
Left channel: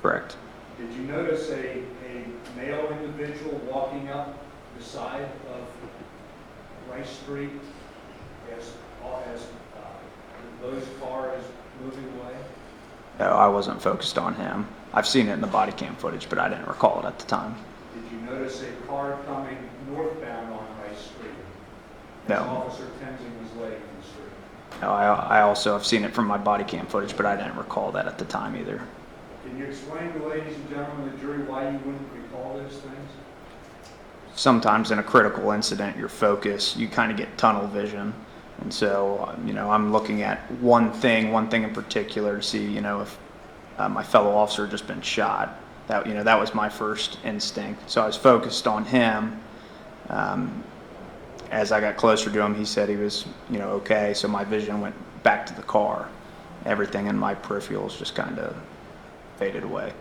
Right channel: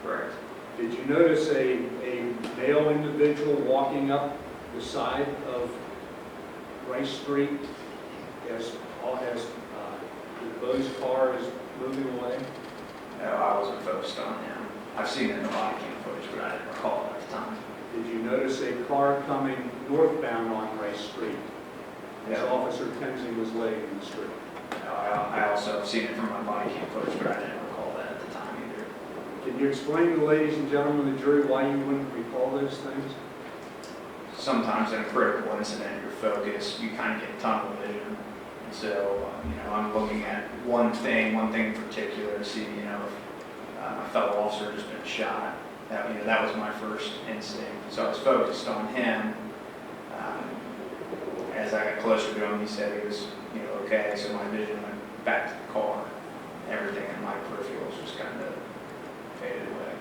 Correct. Did you notice a male individual walking up the side of Rice Street as DuBose's car is moving away? No, I wasn't focused on him. I've seen it in the body cam footage, but I didn't recall it at the time. Did you notice a car coming northbound on Rice Street as No. Officer Tenzing was laying in the street? No, I also have seen it from my body cam footage, but I didn't recall that at the time either. Can you explain to ladies and gentlemen of the jury why you wouldn't recall those things? Sometimes in a critical incident, your focus, you kind of get tunnel vision. And so, I'm looking at one thing in particular to see, if my fellow officer had just been shot. That was my first instinct. So I was focused on him. As I got closer to him, he said he was, okay. So my vision went back to the car. Everything in my peripherals just kind of faded away.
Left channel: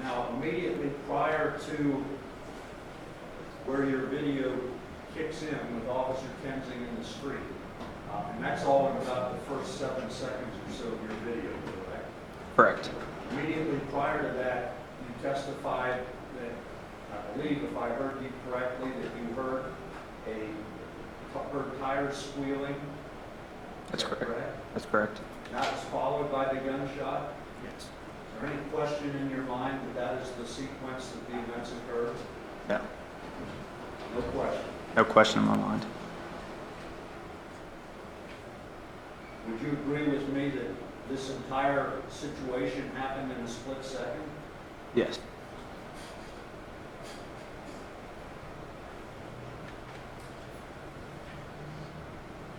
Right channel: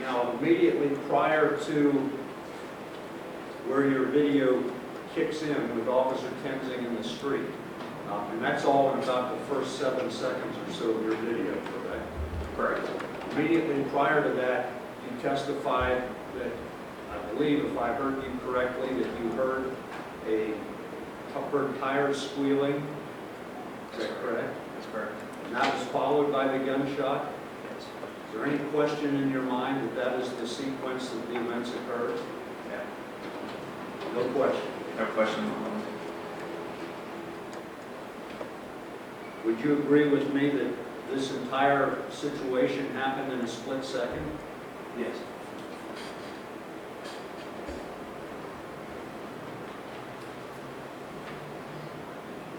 Now, immediately prior to where your video kicks in with Officer Tenzing in the street, and that's all in about the first 7 seconds or so of your video, correct? Correct. Immediately prior to that, you testified that, I believe, if I heard you correctly, that you heard tires squealing. That's Is that correct. That's correct. And that was followed by the gunshot. Yes. Is there any question in your mind that that is the sequence that the events occurred? No. No question. No question in my mind. Would you agree with me that this entire situation happened in a split second? Yes.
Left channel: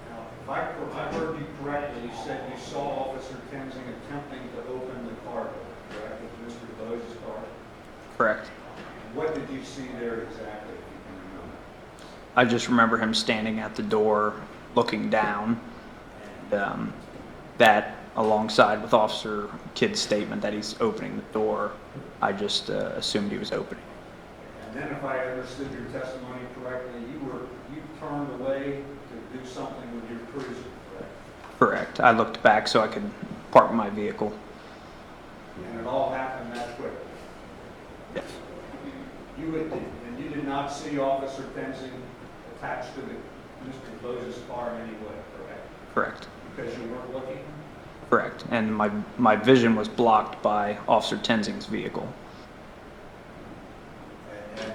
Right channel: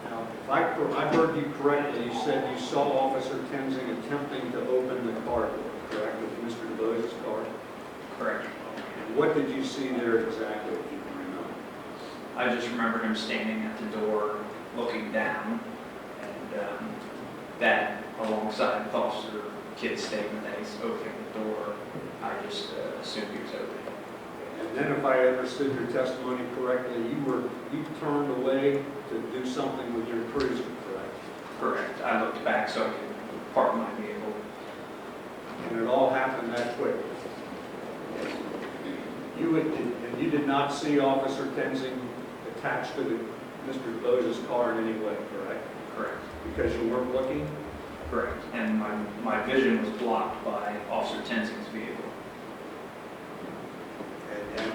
Now, if I heard you correctly, you said you saw Officer Tenzing attempting to open the car door, correct, with Mr. DuBose's car? Correct. And what did you see there exactly, if you can remember? I just remember him standing at the door, looking down, and that, alongside with Officer Kidd's statement that he's opening the door, I just assumed he was opening. And then, if I understood your testimony correctly, you turned away to do something with your cruiser, correct? Correct. I looked back so I could park my vehicle. And it all happened that quickly. Yes. You did not see Officer Tenzing attached to Mr. DuBose's car in any way, correct? Correct. Because you weren't looking? Correct. And my vision was blocked by Officer Tenzing's vehicle. And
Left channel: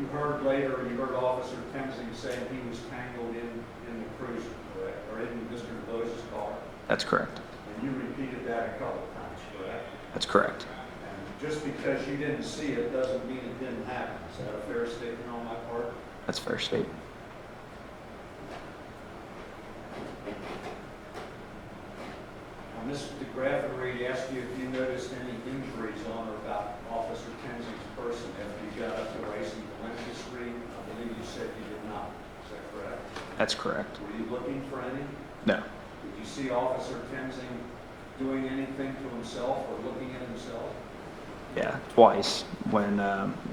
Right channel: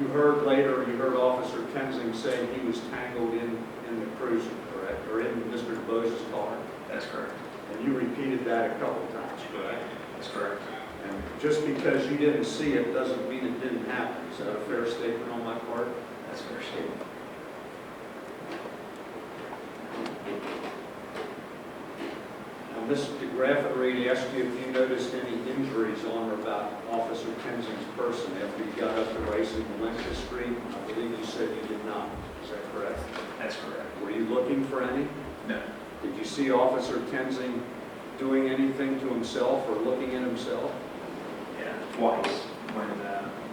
you heard Officer Tenzing say he was tangled in the cruiser, correct? Or in Mr. DuBose's car? That's correct. And you repeated that a couple times, correct? That's correct. And just because you didn't see it doesn't mean it didn't happen. Is that a fair statement on my part? That's a fair statement. Now, Mr. DeGraffenreid asked you if you noticed any injuries on or about Officer Tenzing's person after he got up to Rice and Valencia Street. I believe you said you did not. Is that correct? That's correct. Were you looking for any? No. Did you see Officer Tenzing doing anything to himself or looking at himself? Yeah, twice.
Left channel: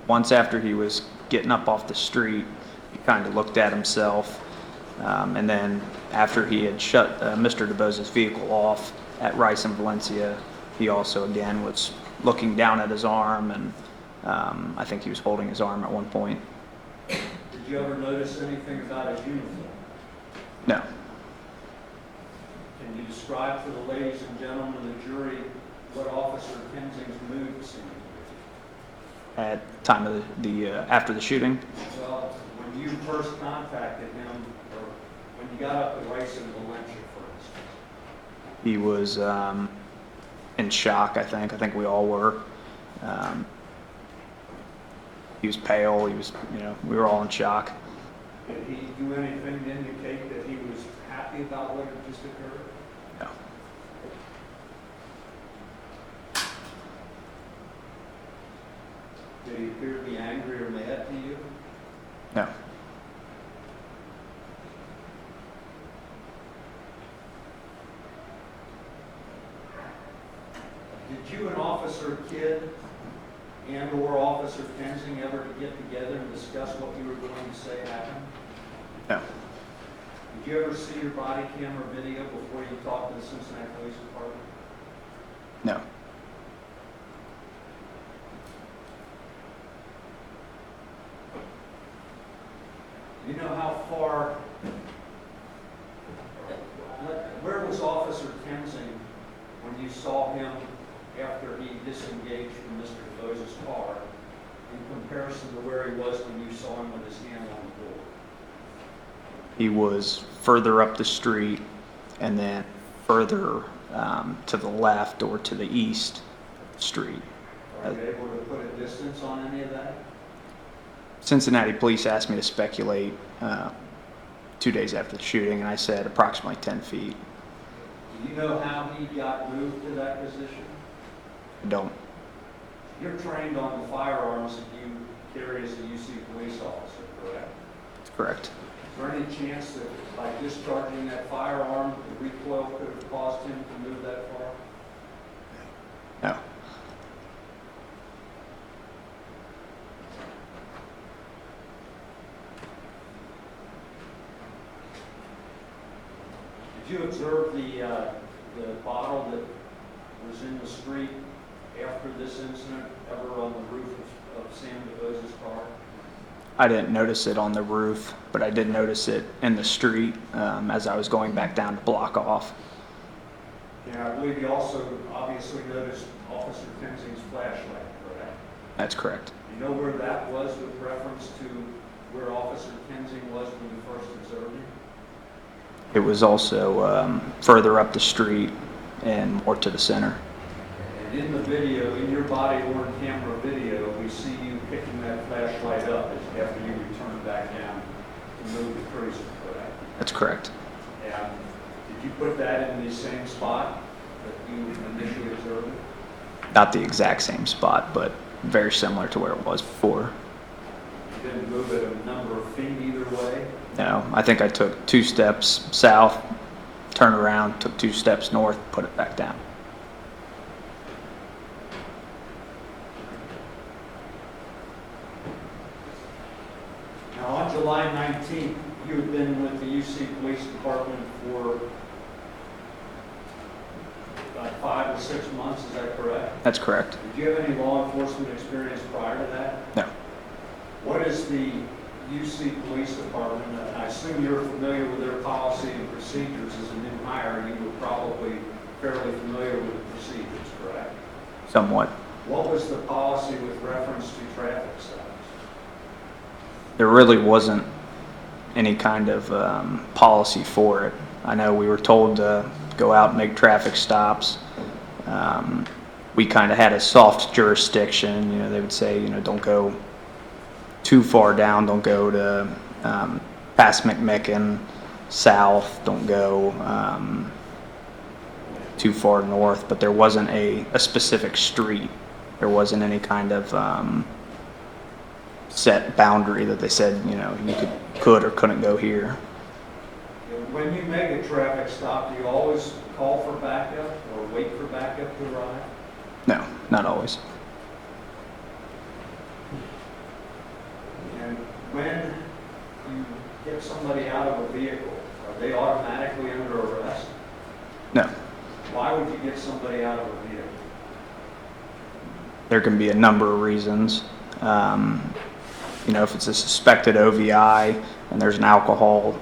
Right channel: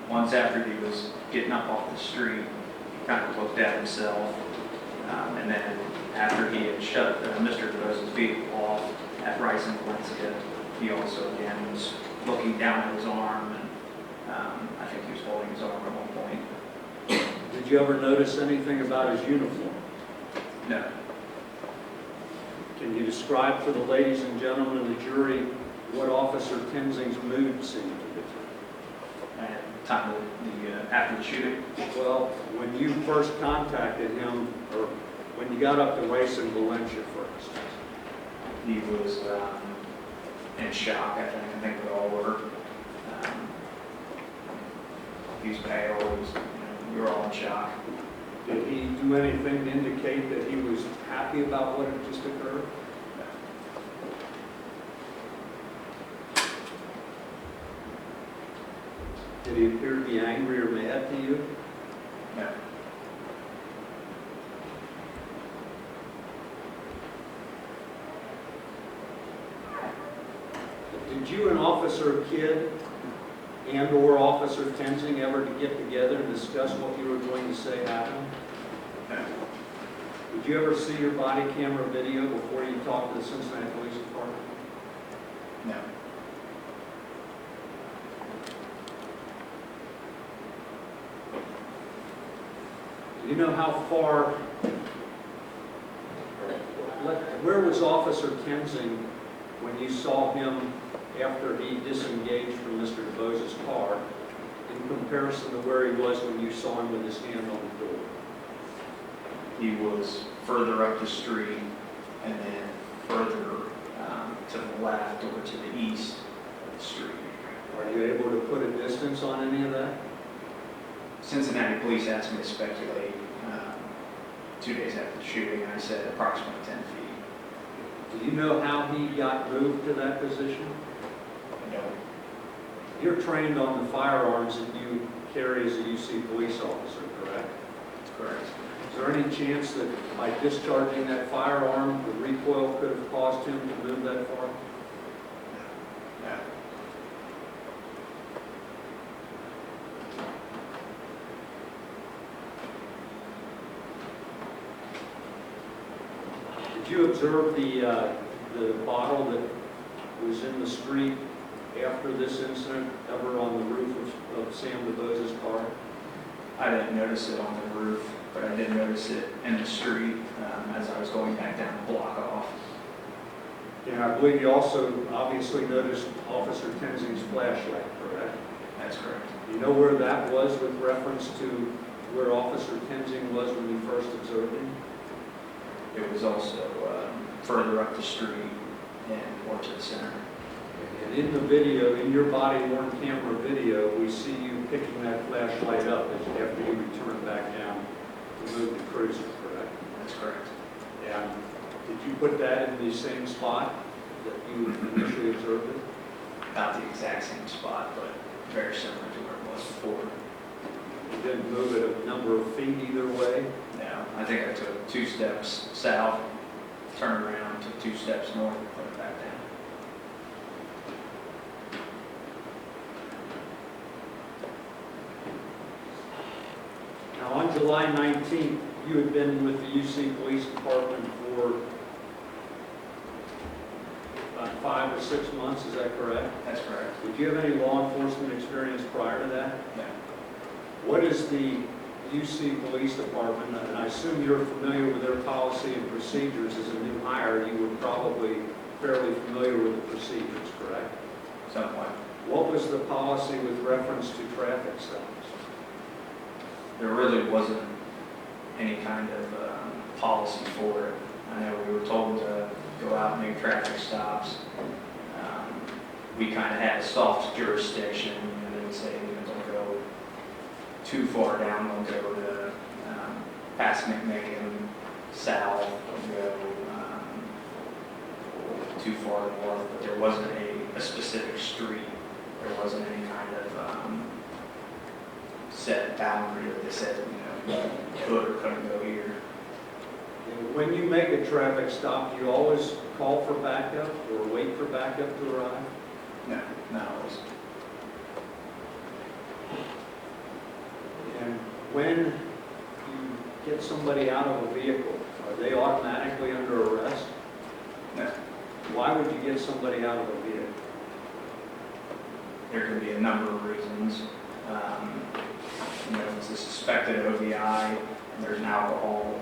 Once after he was getting up off the street, he kind of looked at himself. And then after he had shut Mr. DuBose's vehicle off at Rice and Valencia, he also again was looking down at his arm, and I think he was holding his arm at one point. Did you ever notice anything about his uniform? No. Can you describe for the ladies and gentlemen of the jury what Officer Tenzing's mood seemed to be? At the time of after the shooting? Well, when you first contacted him, or when you got up to Rice and Valencia, for instance. He was in shock, I think. I think we all were. He was pale. He was, we were all in shock. Did he do anything to indicate that he was happy about what had just occurred? No. Did he appear to be angry or mad to you? No. Did you and Officer Kidd and/or Officer Tenzing ever to get together and discuss what you were going to say happened? No. Did you ever see your body camera video before you talked to the Cincinnati Police Department? No. Do you know how far, where was Officer Tenzing when you saw him after he disengaged from Mr. DuBose's car in comparison to where he was when you saw him with his hand on the door? He was further up the street and then further to the left or to the east street. Are you able to put a distance on any of that? Cincinnati police asked me to speculate 2 days after the shooting, and I said approximately 10 feet. Do you know how he got moved to that position? I don't. You're trained on the firearms that you carry as a UC police officer, correct? That's correct. Is there any chance that by discharging that firearm, the recoil could have caused him to move that far? No. Did you observe the bottle that was in the street after this incident ever on the roof of Sam DuBose's car? I didn't notice it on the roof, but I did notice it in the street as I was going back down to block off. And I believe you also obviously noticed Officer Tenzing's flashlight, correct? That's correct. Do you know where that was with reference to where Officer Tenzing was when you first observed him? It was also further up the street and more to the center. And in the video, in your body-worn camera video, we see you picking that flashlight up after you returned back down to move the cruiser, correct? That's correct. And did you put that in the same spot that you initially observed it? Not the exact same spot, but very similar to where it was before. You didn't move it a number of feet either way? No, I think I took 2 steps south, turned around, took 2 steps north, put it back down. Now, on July 19th, you had been with the UC Police Department for about 5 or 6 months, is that correct? That's correct. Did you have any law enforcement experience prior to that? No. What is the UC Police Department, and I assume you're familiar with their policy and procedures as a new hire, you were probably fairly familiar with the procedures, correct? Somewhat. What was the policy with reference to traffic stops? There really wasn't any kind of policy for it. I know we were told to go out and make traffic stops. We kind of had a soft jurisdiction. You know, they would say, you know, don't go too far down, don't go to past McMicken, south, don't go too far north, but there wasn't a specific street. There wasn't any kind of set boundary that they said, you know, you could or couldn't go here. And when you make a traffic stop, do you always call for backup or wait for backup to arrive? No, not always. And when you get somebody out of a vehicle, are they automatically under arrest? No. Why would you get somebody out of a vehicle? There can be a number of reasons. You know, if it's a suspected OVI and there's an alcohol,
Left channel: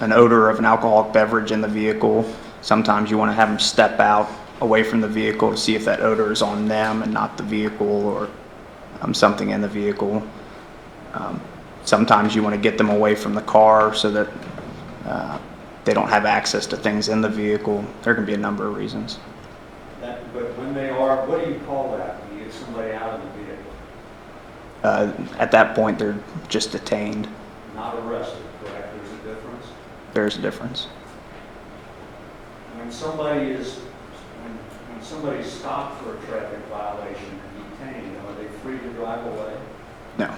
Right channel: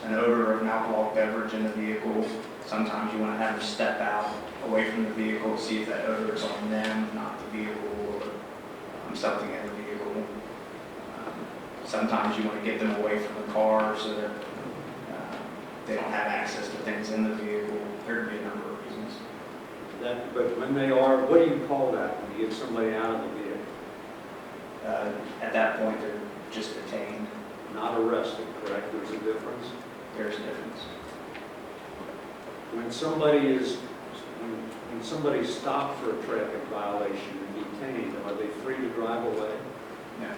an odor of an alcoholic beverage in the vehicle, sometimes you want to have them step out away from the vehicle to see if that odor is on them and not the vehicle, or something in the vehicle. Sometimes you want to get them away from the car so that they don't have access to things in the vehicle. There can be a number of reasons. But when they are, what do you call that when you get somebody out of the vehicle? At that point, they're just detained. Not arrested, correct? There's a difference? There's a difference. When somebody is, when somebody's stopped for a traffic violation and detained, are they free to drive away? No.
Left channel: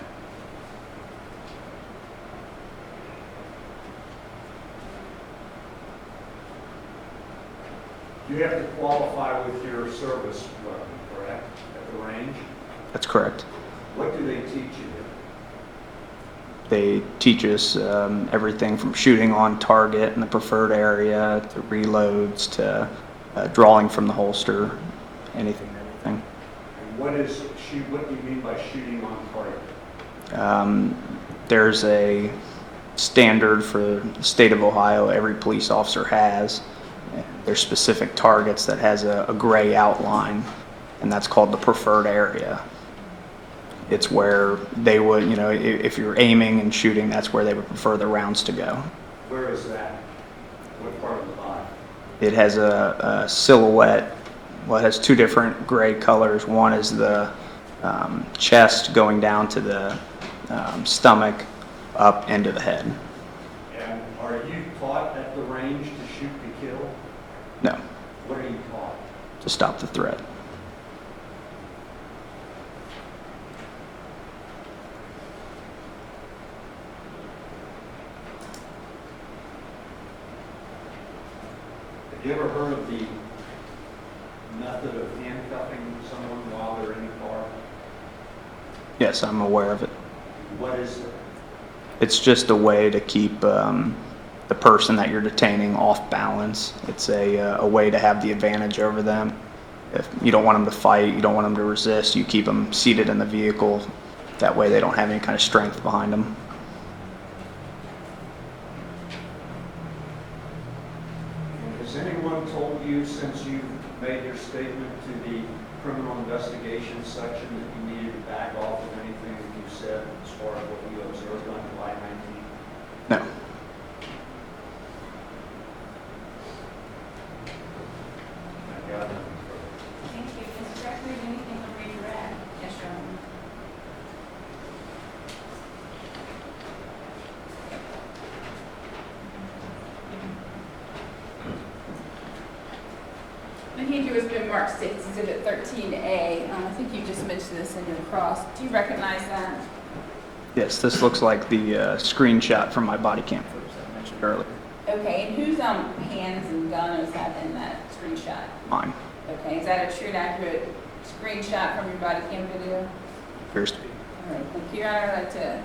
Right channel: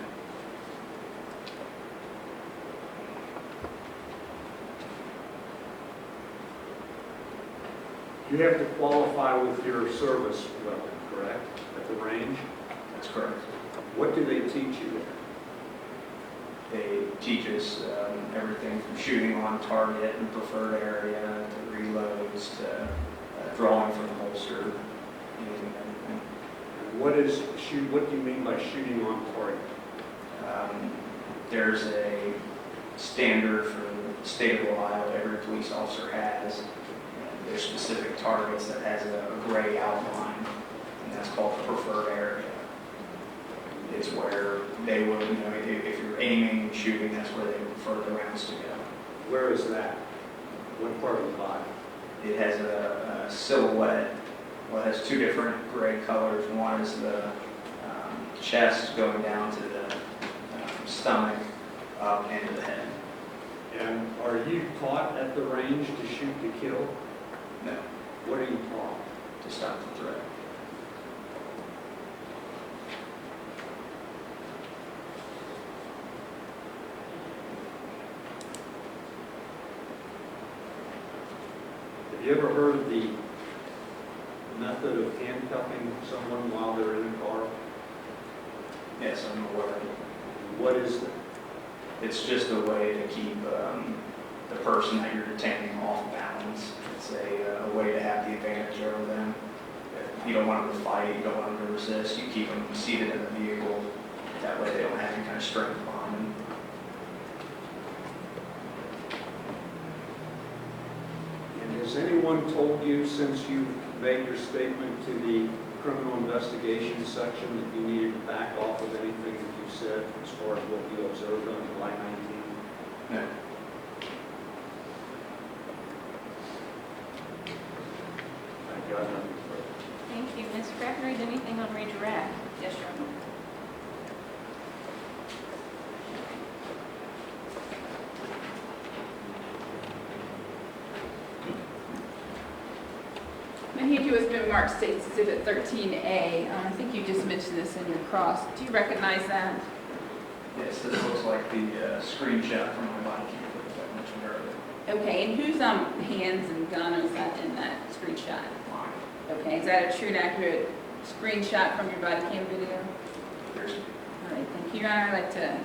You have to qualify with your service weapon, correct, at the range? That's correct. What do they teach you? They teach us everything from shooting on target in the preferred area to reloads to drawing from the holster, anything, everything. And what do you mean by shooting on target? There's a standard for the state of Ohio every police officer has. There's specific targets that has a gray outline, and that's called the preferred area. It's where they would, you know, if you're aiming and shooting, that's where they would prefer the rounds to go. Where is that? What part of the body? It has a silhouette. Well, it has two different gray colors. One is the chest going down to the stomach, up into the head. And are you taught at the range to shoot to kill? No, What are you taught? to stop the threat. Have you ever heard of the method of handcuffing someone while they're in the car? Yes, I'm aware of it. What is it? It's just a way to keep the person that you're detaining off balance. It's a way to have the advantage over them. If you don't want them to fight, you don't want them to resist, you keep them seated in the vehicle. That way they don't have any kind of strength behind them. And has anyone told you since you made your statement to the criminal investigation section that you needed to back off of anything that you said as far as what you observed on July 19th? No. I've got nothing further. Thank you. Ms. Gregory, anything on redirect? Yes, Your Honor. Mahiju has been marked State's Exhibit 13A. I think you just mentioned this in your cross. Do you recognize that? Yes, this looks like the screenshot from my body cam footage that I mentioned earlier. Okay, and whose hands and gun is that in that screenshot? Mine. Okay, is that a true and accurate screenshot from your body cam video? Appears to be. All right, thank you, Your Honor. I'd like to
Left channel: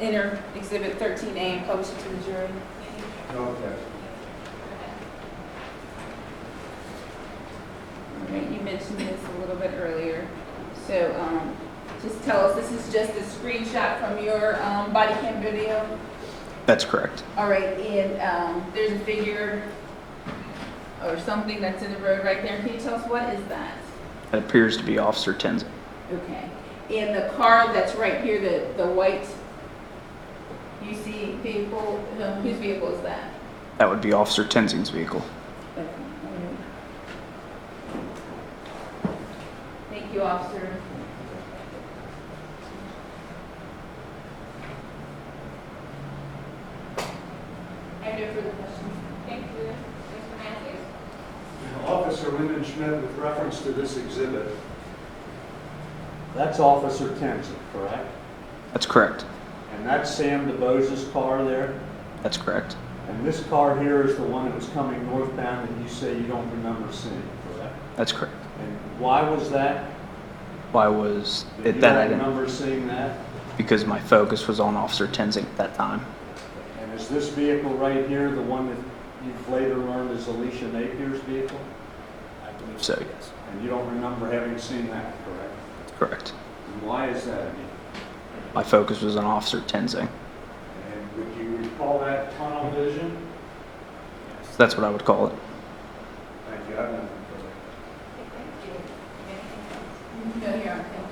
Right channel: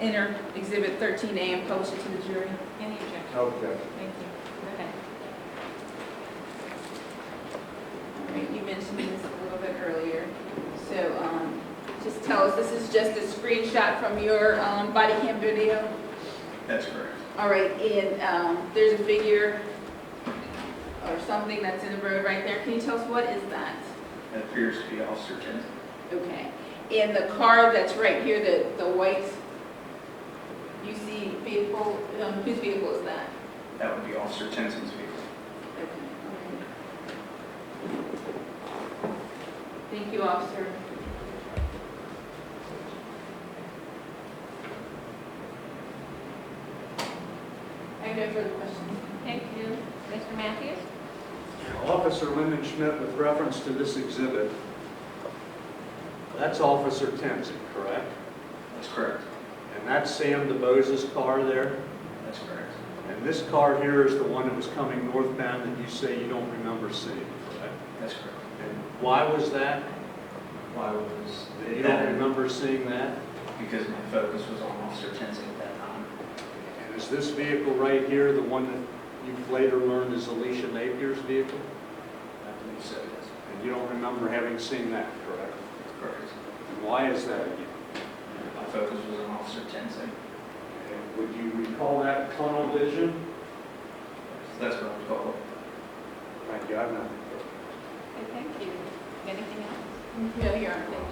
enter Exhibit 13A and publish it to the jury. Any objection? No objection. Thank you. Go ahead. All right, you mentioned this a little bit earlier. So just tell us, this is just a screenshot from your body cam video? That's correct. All right, and there's a figure or something that's in the road right there. Can you tell us what is that? It appears to be Officer Tenzing. Okay. In the car that's right here, the white UC vehicle, whose vehicle is that? That would be Officer Tenzing's vehicle. Okay. Thank you, officer. I have no further questions. Thank you. Mr. Matthews? Officer Lindenschmidt, with reference to this exhibit, that's Officer Tenzing, correct? That's correct. And that's Sam DuBose's car there? That's correct. And this car here is the one that was coming northbound that you say you don't remember seeing, correct? That's correct. And why was that? Why was You it that I don't didn't? remember seeing that? Because my focus was on Officer Tenzing at that time. And is this vehicle right here the one that you've later learned is Alicia Napier's vehicle? I believe so, yes. And you don't remember having seen that, correct? Correct. And why is that again? My focus was on Officer Tenzing. And would you recall that tunnel vision? That's what I would call it. Thank you. I've nothing Okay, thank you. Anything else? No, you aren't. Thank you.